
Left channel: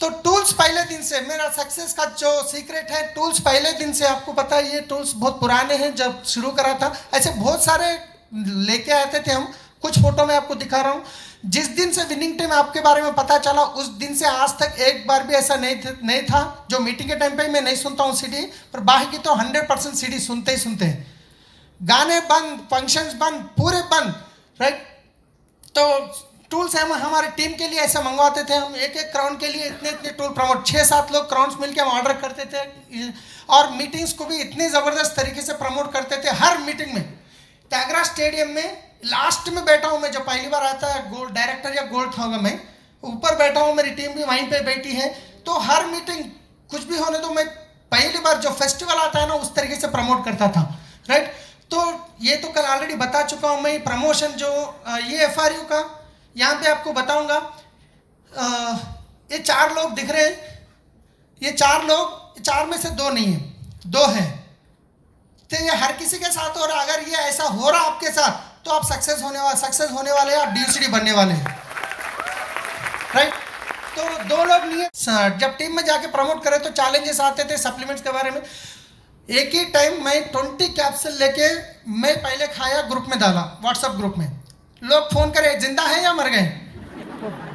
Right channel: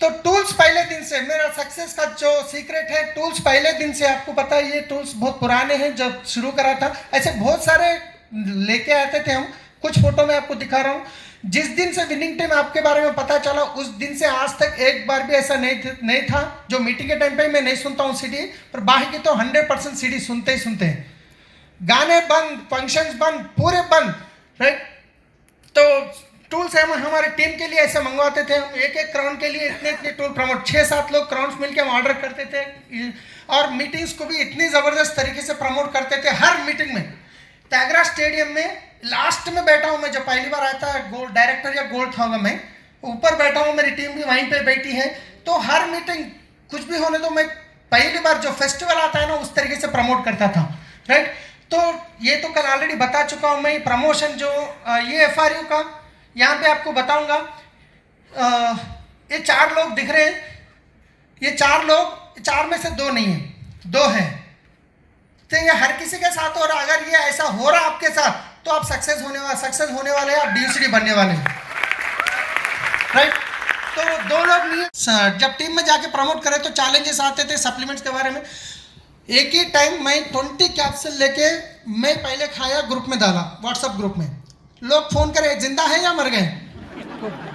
तो टूल्स पहले दिन से मेरा सक्सेस का जो सीक्रेट है, टूल्स पहले दिन से, आपको पता है ये टूल्स बहुत पुराने हैं, जब शुरू करा था ऐसे बहुत सारे लेके आते थे हम। कुछ फोटो में आपको दिखा रहा हूँ। जिस दिन से विनिंग टीम आपके बारे में पता चला उस दिन से आज तक एक बार भी ऐसा नहीं था जो मीटिंग के टाइम पे मैं नहीं सुनता हूँ सीडी, पर बाकी तो 100% सीडी सुनते ही सुनते हैं। गाने बंद, फंक्शंस बंद, पूरे बंद। राइट, तो टूल्स हम हमारे टीम के लिए ऐसे मंगवाते थे, हम एक क्राउन के लिए इतने टूल प्रमोट, 6-7 लोग क्राउन्स मिलकर हम ऑर्डर करते थे, और मीटिंग्स को भी इतनी ज़बरदस्त तरीके से प्रमोट करते थे। हर मीटिंग में त्यागरा स्टेडियम में लास्ट में बैठा हूँ मैं, जब पहली बार आया था गोल्ड डायरेक्टर या गोल्ड था, मैं ऊपर बैठा हूँ, मेरी टीम भी वहीं पे बैठी है। तो हर मीटिंग कुछ भी होने तो मैं पहली बार जो फेस्टिवल आता है ना उस तरीके से प्रमोट करता था। राइट, तो ये तो कल ऑलरेडी बता चुका हूँ मैं। प्रमोशन जो ये FRU का यहाँ पे आपको बताऊंगा, ये 4 लोग दिख रहे हैं, ये 4 लोग, 4 में से 2 नहीं है, 2 हैं। तो ये हर किसी के साथ हो रहा, अगर ये ऐसा हो रहा आपके साथ तो आप सक्सेस होने वाले हैं, आप DUCD बनने वाले हैं। राइट, तो 2 लोग नहीं है। जब टीम में जाके प्रमोट करे तो चैलेंजेस आते थे सप्लीमेंट्स के बारे में। एक ही टाइम मैं 20 कैप्सूल लेके मैं पहले खाया, ग्रुप में डाला, व्हाट्सएप ग्रुप में। लोग फोन करे, जिंदा है या मर गए?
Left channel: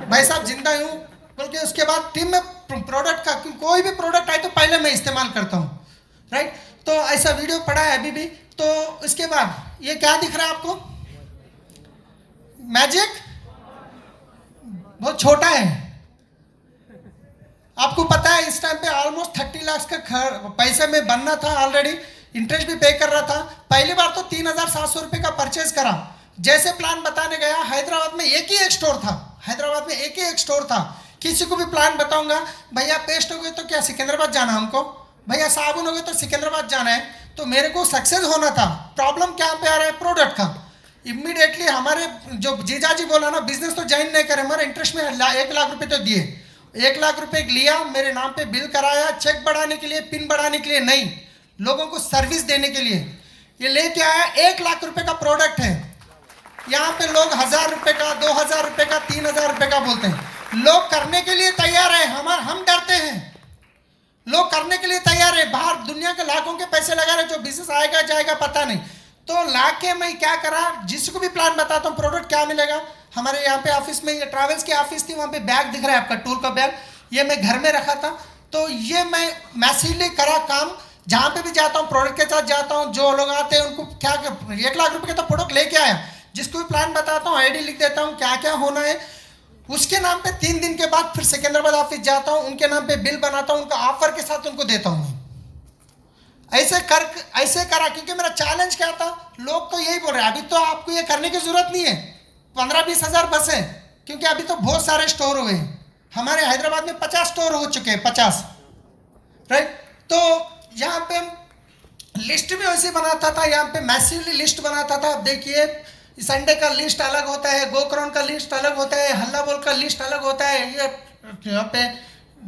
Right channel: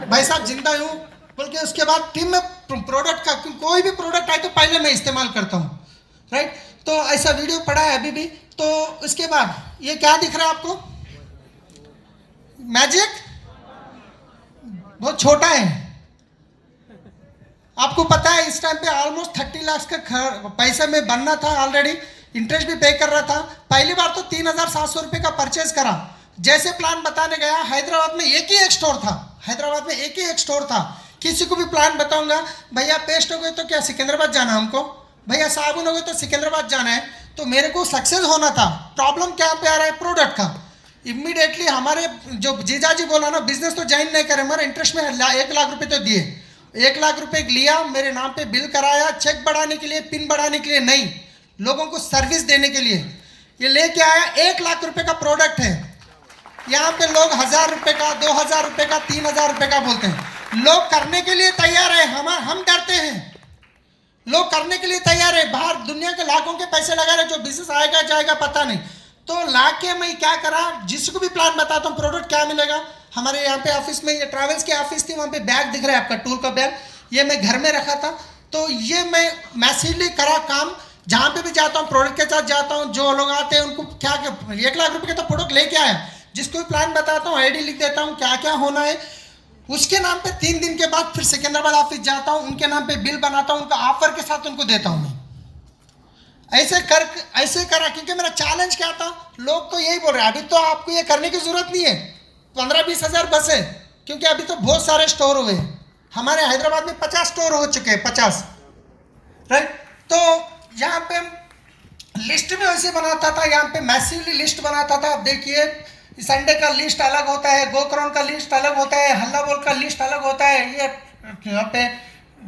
भाई साहब जिंदा हूँ बोल के, उसके बाद टीम में प्रोडक्ट का कोई भी प्रोडक्ट आए तो पहले मैं इस्तेमाल करता हूँ। राइट, तो ऐसा वीडियो पड़ा है अभी भी। तो उसके बाद ये क्या दिख रहा है आपको? मैजिक बहुत छोटा है, आपको पता है इस टाइम पे ऑलमोस्ट 30 लाख का पैसा में बनना था, ऑलरेडी इंटरेस्ट भी पे कर रहा था। पहली बार तो 3,700 रुपये का परचेज करा। जैसे प्लान बताने गया, हैदराबाद में एक ही एक स्टोर था, किसी को भी प्लान बताऊंगा, भैया पेस्ट हो गए तो क्या सिकंदराबाद जाना हमको, भैया साबुन हो गए तो सिकंदराबाद जाना है। तो मेरे को सक्सेस होना था। प्रॉब्लम क्या पे आ रहा है? प्रोडक्ट का। इमीडिएटली हमारे जो जीजाजी बोला ना, बिजनेस तो ज्वाइन नहीं करे, हमारे इंटरेस्ट में 1 लाख रुपए तो दिए, 1 लाख रुपए लिया, मेरे नाम पे बिल कराया, चेक बढ़ाने के लिए, पिन बढ़ाने के लिए नहीं, लोगों को सर्विस देने के लिए। ये लेके आया, 1 लाख रुपए का प्रोडक्ट है। यहाँ पे लोग 1,000 रुपए का, 2,000 रुपए का, 3,000 रुपए का बोलते हैं। लोग करने के लिए तैयार है, हम डरते हैं। लोग करने के लिए तैयार है, बाहर दुनिया के लाखों के पैसे लगा रहे, जो बिजनेस आएगा जाएगा पता नहीं। तो लाके मैं क्या करा, जिसको भी प्लान बताता हूँ, प्रोडक्ट क्या मिलेगा। हमारे यहाँ पे ऑफिस में, ये ट्रैवल्स की ऑफिस थी, वहाँ पे बैग दिख रहा है आपका, टूल का बैग, ये मैं घर में रखा था। तो ये मैं मैसिवली करा काम, जहाँ पे भी जाता हूँ प्रोडक्ट के साथ जाता हूँ, जो लोग आते हैं उनको क्या 1 लाख रुपए का तो प्रोडक्ट लेके आया, जिसको भी प्लान बताता हूँ, आईडी लिख देता हूँ, क्या क्या होना है, उसके नाम पे 3 दिन के बाद फिर सिकंदराबाद ऑफिस जाता हूँ, उनके नाम पे बिल बनाता हूँ, उनका ऑफर के साथ उनको देता हूँ मैं। ऐसे करा, क्योंकि मेरा चैलेंज क्या था, लोग तो यही बोल रहे हैं, अभी तो आपको ये करने की जरूरत नहीं है, 15-20 हज़ार बस है, क्योंकि अभी तो बहुत सारे स्टोर हुए हैं। हमारे हैदराबाद में 50 स्टोर हो चुके हैं, 50। राइट, तो यहाँ पे लिस्ट में वैसे बनाता था, यहाँ पे मैसिवली लिस्ट बनाता था। अब देखिए, संडे का लिस्ट अलग होता है, गोकरण का लिस्ट अलग होता है, हल्ला बोल का लिस्ट अलग होता है। ये यहाँ पे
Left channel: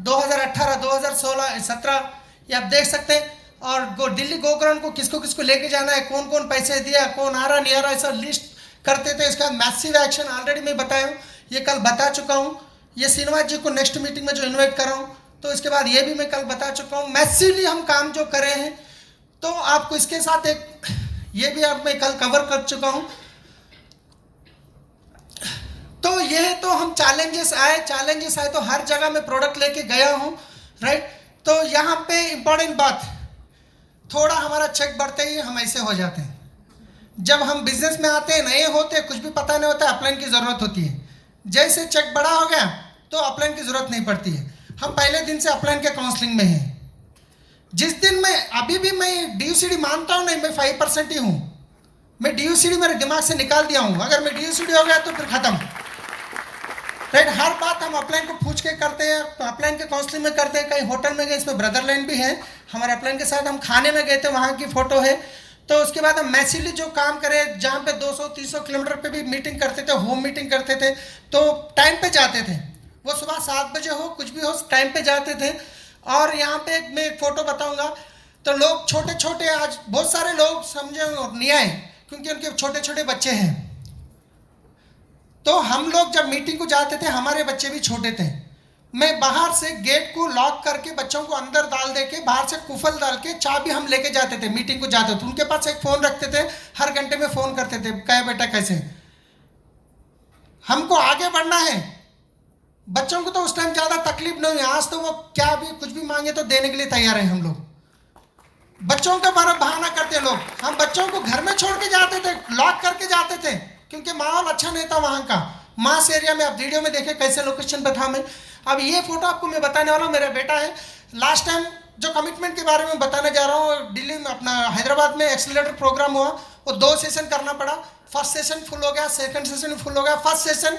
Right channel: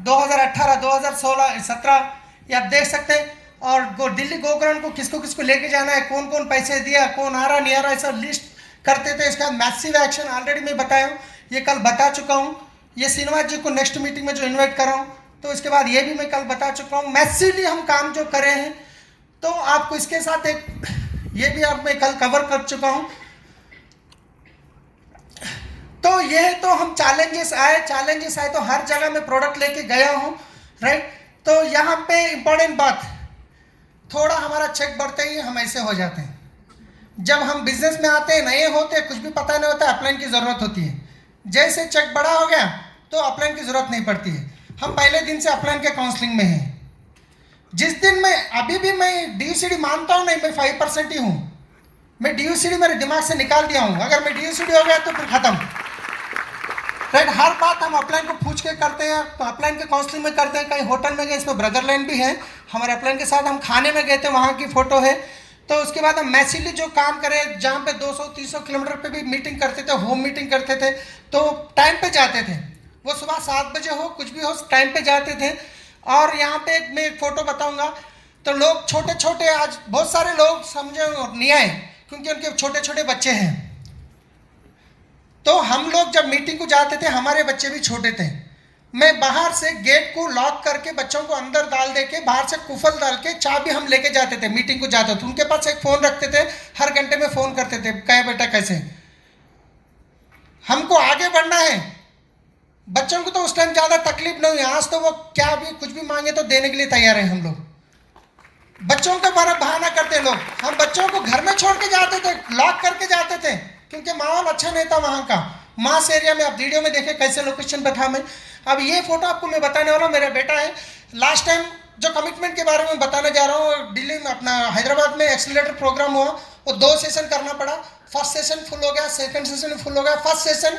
2018, 2016, 17 ये आप देख सकते हैं। और दिल्ली गोकरण को किसको किसको लेके जाना है, कौन कौन पैसे दिया, कौन आ रहा नहीं आ रहा, ऐसा लिस्ट करते थे। इसका मैसिव एक्शन ऑलरेडी मैं बताया हूँ, ये कल बता चुका हूँ। ये श्रीनिवास जी को नेक्स्ट मीटिंग में जो इन्वाइट कर रहा हूँ, तो इसके बाद ये भी मैं कल बता चुका हूँ। मैसिवली हम काम जो करे हैं, तो आपको इसके साथ एक ये भी आप मैं कल कवर कर चुका हूँ। तो ये तो हम चैलेंजेस आए तो हर जगह मैं प्रोडक्ट लेके गया हूँ। राइट, तो यहाँ पे इंपॉर्टेंट बात, थोड़ा हमारा चेक बढ़ते ही हम ऐसे हो जाते हैं। जब हम बिजनेस में आते हैं, नए होते हैं, कुछ भी पता नहीं होता, अपलाइन की जरूरत होती है। जैसे चेक बड़ा हो गया तो अपलाइन की जरूरत नहीं पड़ती है। हम पहले दिन से अपलाइन के काउंसलिंग में हैं। जिस दिन मैं अभी भी मैं DUCD मानता हूँ नहीं, मैं 5% ही हूँ। मैं DUCD मेरे दिमाग से निकाल दिया हूँ। अगर मैं DUCD हो गया तो फिर खत्म। राइट, हर बात हम अपलाइन को पूछ के करते हैं, अपलाइन के काउंसलिंग में करते हैं। कहीं होटल में गए, इसमें ब्रदरलैंड भी है, हमारे अपलाइन के साथ हम खाने में गए थे, वहाँ की फोटो है। तो उसके बाद हम मैसिवली जो काम करें, जहाँ पे 200-300 किलोमीटर पे भी मीटिंग करते थे, होम मीटिंग करते थे, तो टाइम पे जाते थे। वो सुबह 7 बजे हो कुछ भी हो टाइम पे जाते थे। और यहाँ पे मैं एक फोटो बताऊंगा, तो लोग छोटे छोटे, आज बहुत सारे लोग समझे नहीं आए क्योंकि उनके छोटे छोटे बच्चे हैं। तो हम लोग जब मीटिंग को जाते थे, हमारे बच्चे भी छोटे थे, मैं बाहर से गेट को लॉक करके बच्चों को अंदर डाल दे के बाहर से कुफल डाल के चाबी हम लेके जाते थे, मीटिंग को जाते थे। उनके पास एक फोन रखते थे, हर घंटे में फोन करते थे, क्या बेटा कैसे, हमको आगे बढ़ना है। बच्चों को तो उस टाइम ज्यादा तकलीफ नहीं हुई, आज तो वो क्या भी कुछ भी मांगे तो देने के लिए तैयार है हम लोग। बच्चों का बड़ा बहाना करते लोग, हम बच्चों को घर में छोड़ के जाते थे, लॉक करके जाते थे क्योंकि माहौल अच्छा नहीं था वहां का। मास एरिया में आप वीडियो में देखे कैसे लोकेशन पे था मैं। अब ये फोटो आपको मैं बताने वाला हूँ, मेरा बेटा है। लास्ट टाइम जो कमिटमेंट के बारे में बताने जा रहा हूँ, दिल्ली में अपना हैदराबाद में एक्सीलरेटर प्रोग्राम हुआ, वो 2 सेशन करना पड़ा। फर्स्ट सेशन फुल हो गया, सेकंड सेशन फुल हो गया। फर्स्ट सेशन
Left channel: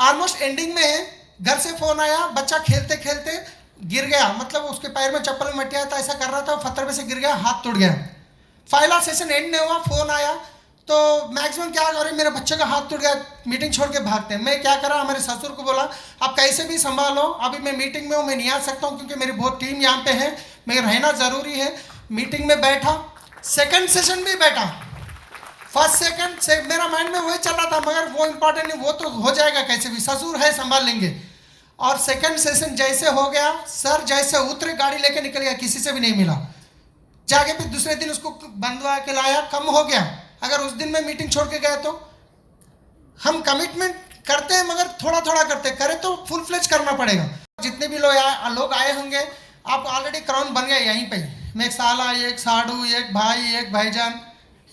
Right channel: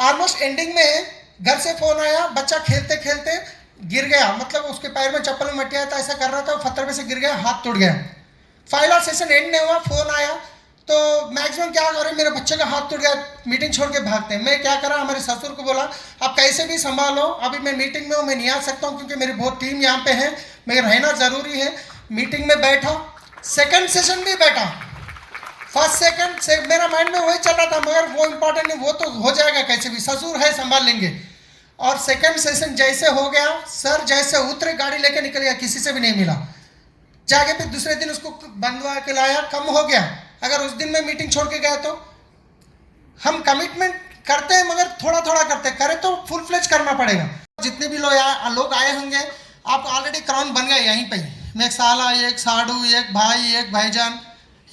ऑलमोस्ट एंडिंग में है, घर से फोन आया, बच्चा खेलते खेलते गिर गया, मतलब उसके पैर में चप्पल में मट्टी आया था, ऐसा कर रहा था, पत्थर पे से गिर गया, हाथ टूट गया। फाइनल सेशन एंड नहीं हुआ, फोन आया तो मैक्सिमम क्या करें, मेरे बच्चे का हाथ टूट गया, मीटिंग छोड़ के भागते हैं। मैं क्या करा, हमारे ससुर को बोला आप कैसे भी संभालो, अभी मैं मीटिंग में हूँ, मैं नहीं आ सकता हूँ क्योंकि मेरी बहुत टीम यहाँ पे है, मेरे रहना जरूरी है। मीटिंग में बैठा, सेकंड सेशन भी बैठा, फर्स्ट सेकंड से मेरा माइंड में वही चल रहा था, मगर वो इंपॉर्टेंट नहीं, वो तो हो जाएगा कैसे भी, ससुर है संभाल लेंगे। और सेकंड सेशन जैसे हो गया, सर जैसे उतरे गाड़ी लेके निकल गया, किसी से भी नहीं मिला। जाके फिर दूसरे दिन उसको बंधवा के लाया, कम हो गया। अगर उस दिन मैं मीटिंग छोड़ के गया तो, हम कमिटमेंट करते हैं मगर थोड़ा थोड़ा करते हैं, करे तो फुल फ्लेज करना पड़ेगा। जितने भी लोग आए होंगे, आप ऑलरेडी क्राउन बन गए यहीं पे, मैं एक साला, एक साडू, एक भाई, एक भाईजान,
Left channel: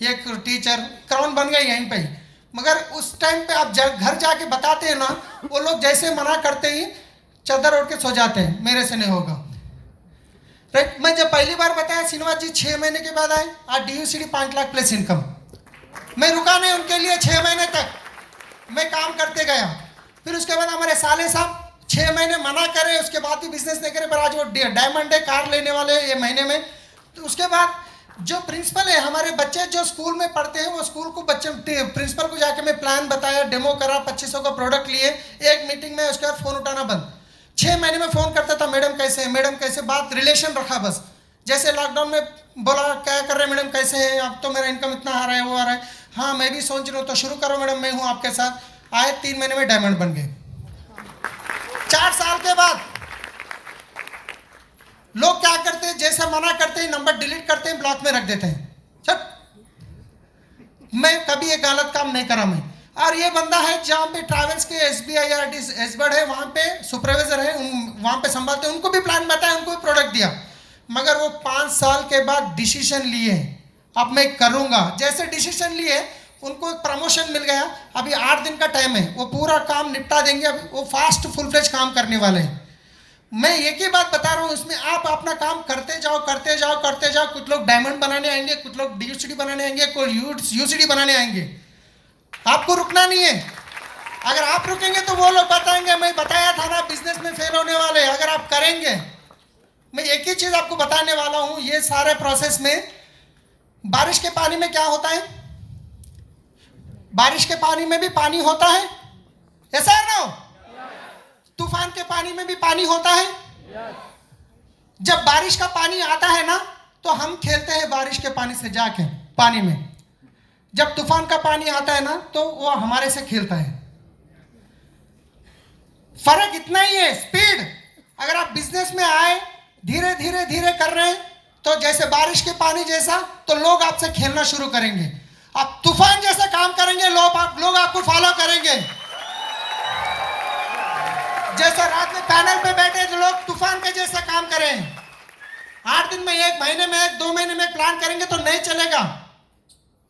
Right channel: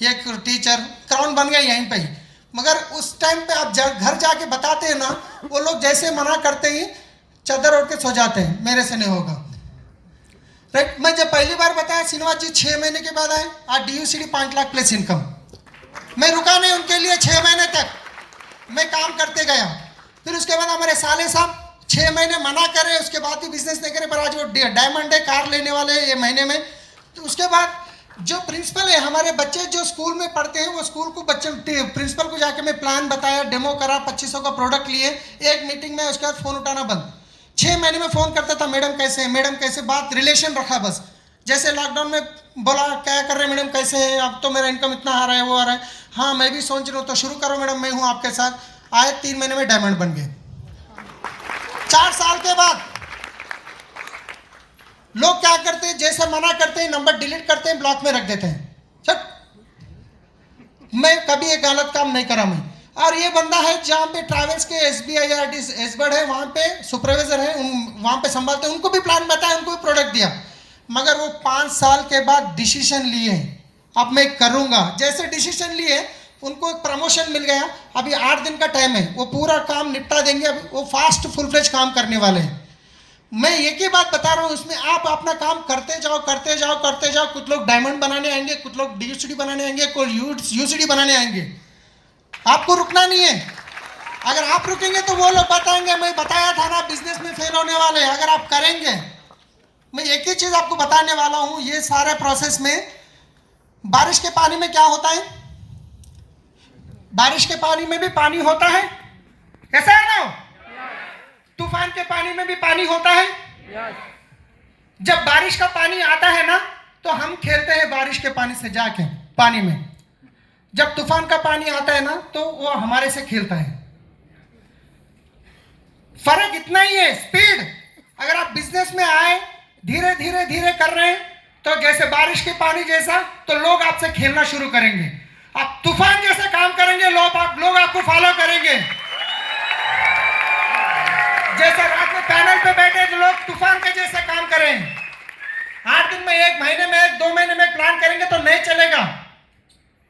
एक टीचर, क्राउन बन गए यहीं पे। मगर उस टाइम पे आप घर जाके बताते हैं ना, वो लोग जैसे मना करते ही चादर ओढ़ के सो जाते हैं, मेरे से नहीं होगा। राइट, मैं जब पहली बार बताया श्रीनिवास जी 6 महीने के बाद आए, आज DUCD 5 लाख प्लस इनकम। मैं रुका नहीं उनके लिए, 6 महीने तक मैं काम करते गया। फिर उसके बाद हमारे साले साहब 6 महीने मना करे, उसके बाद भी बिजनेस नहीं करे, पर आज वो डायमंड है, कार लेने वाले ये महीने में। तो उसके बाद जो प्रिंसिपल है, हमारे बच्चे जो स्कूल में पढ़ते हैं, वो स्कूल को बच्चे प्रिंसिपल को जाके मैं प्लान बताया, डेमो करा, 2500 का प्रोडक्ट लिए, एक मीटिंग में, उसके बाद फोन उठाना बंद। 6 महीने में फोन करता था, मैडम कैसे हैं, मैडम कैसे, बात रिलेशन रखा बस। जैसे लॉकडाउन में बोला क्या कर रहे हैं मैडम, कैसे हैं, अब तो मेरा इनकम इतना आ रहा है, वो आ रहा है, हाँ मैं भी सोच रहा हूँ, तो शुरू करो मैडम, मैं हूँ आपके साथ। आए 3 महीने में डायमंड बन गए। 4 साल के बाद लोग क्या करते हैं, जैसे मना करते हैं, नंबर डिलीट करते हैं, ब्लॉक में रख देते हैं। मैं कभी एक गलत काम नहीं करा मैं। और ये बंदा है जहाँ पे ट्रैवल्स के SBIRT एसबर्ड है, वहाँ पे सुपरवाइजर है, वहाँ पे संभालते हैं, उनको भी प्लान बताया, उनको भी प्रोडक्ट दिया। मगर वो 5 साल के बाद डिसीजन लिए, अब मैं करूँगा, जैसे डिसीजन लिए उनको एक प्रमोशन मिल गया। अभी 8 दिन का टाइम है, वो पूरा काम निपटा देंगे, अभी वो फास्ट फुल फ्लेज काम करने वाले हैं। मैं एक ही बात बता रहा हूँ, इसमें आप अपना काम करते जाओ करते जाओ करते जाओ। कुछ लोग डायमंड बनाने आएंगे, कुछ लोग DUCD बनाने आएंगे, कोई UCD बनाने आएंगे, आपको रुकना नहीं है। अगर आप रुकेंगे तो वो लोग बताएंगे मैं बताया था ना, बिजनेस में फेल होने वाले। अगर आप करेंगे, मैं एक ही चीज आपको बताने वाला हूं, ये सारे प्रोसेस में बारिश के पानी में क्या होता है, बारिश के पानी में भी पानी होता है, ऐसा है ना, तूफान के पानी में भी पानी होता है। जब बारिश का पानी आता है ना, तो हम खेलते हैं बारिश के पानी से जाके पानी में। जब तूफान का पानी आता है ना, तो वो हमारे से खेलता है। फर्क इतना ही है, स्पीड। अगर आप बिजनेस में आए, धीरे धीरे धीरे कर रहे हैं, तो जैसे बारिश के पानी जैसा, तो लोग आपसे खेलना शुरू करेंगे। आप तूफान जैसा काम करेंगे, लोग आपको फॉलो करेंगे। जैसे रात में पैनल पे बैठे तो लोग तूफान के जैसा काम करें। 8 दिन में, 1 महीने में, 2 महीने में प्लान करेंगे तो नहीं चलेगा।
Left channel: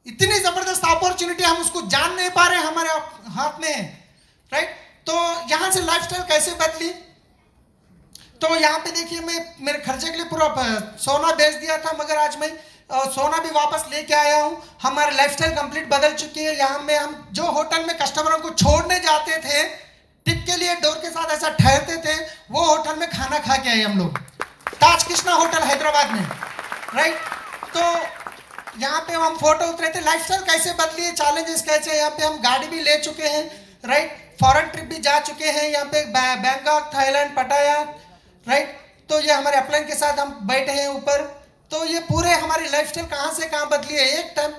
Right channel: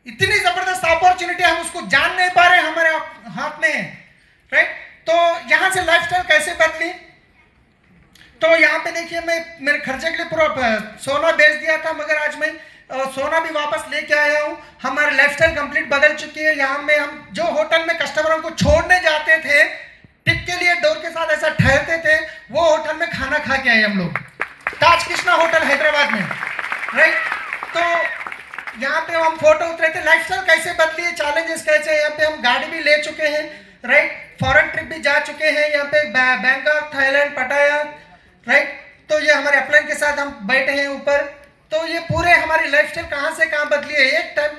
इतनी जबरदस्त अपॉर्चुनिटी, हम उसको जान नहीं पा रहे, हमारे हाथ में है। राइट, तो यहां से लाइफस्टाइल कैसे बदली, तो यहाँ पे देखिए, मैं मेरे खर्चे के लिए पूरा सोना बेच दिया था, मगर आज मैं सोना भी वापस लेके आया हूँ। हमारी लाइफस्टाइल कंप्लीट बदल चुकी है। यहाँ में हम जो होटल में कस्टमरों को छोड़ने जाते थे, टिप के लिए डोर के साथ ऐसा ठहरते थे, वो होटल में खाना खा के आए हम लोग, ताज कृष्णा होटल हैदराबाद में। राइट, तो यहाँ पे हम फोटो उतरे थे। लाइफस्टाइल कैसे बदली है, चैलेंजेस कैसे, यहाँ पे हम गाड़ी भी ले चुके हैं। राइट, फॉरेन ट्रिप भी जा चुके हैं, यहाँ पे बैंकॉक, थाईलैंड, पटाया, राइट। तो ये हमारे अपलाइन के साथ हम बैठे हैं ऊपर। तो ये पूरे हमारी लाइफस्टाइल कहाँ से कहाँ बदली है। एक टाइम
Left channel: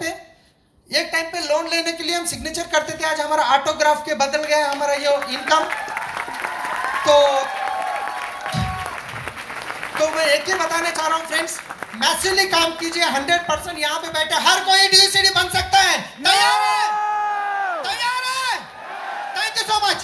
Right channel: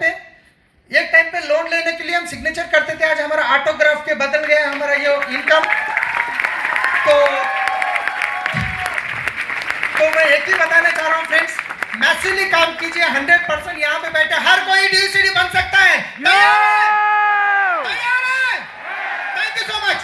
पे लोन लेने के लिए हम सिग्नेचर करते थे, आज हमारा ऑटोग्राफ के बदल गया हमारा ये इनकम। तो मैं एक ही बताना चाह रहा हूँ फ्रेंड्स, मैसिवली काम कीजिए। 100% यहाँ पे बैठे हर कोई DUCD बन सकता है। तैयार है? Thank you so much.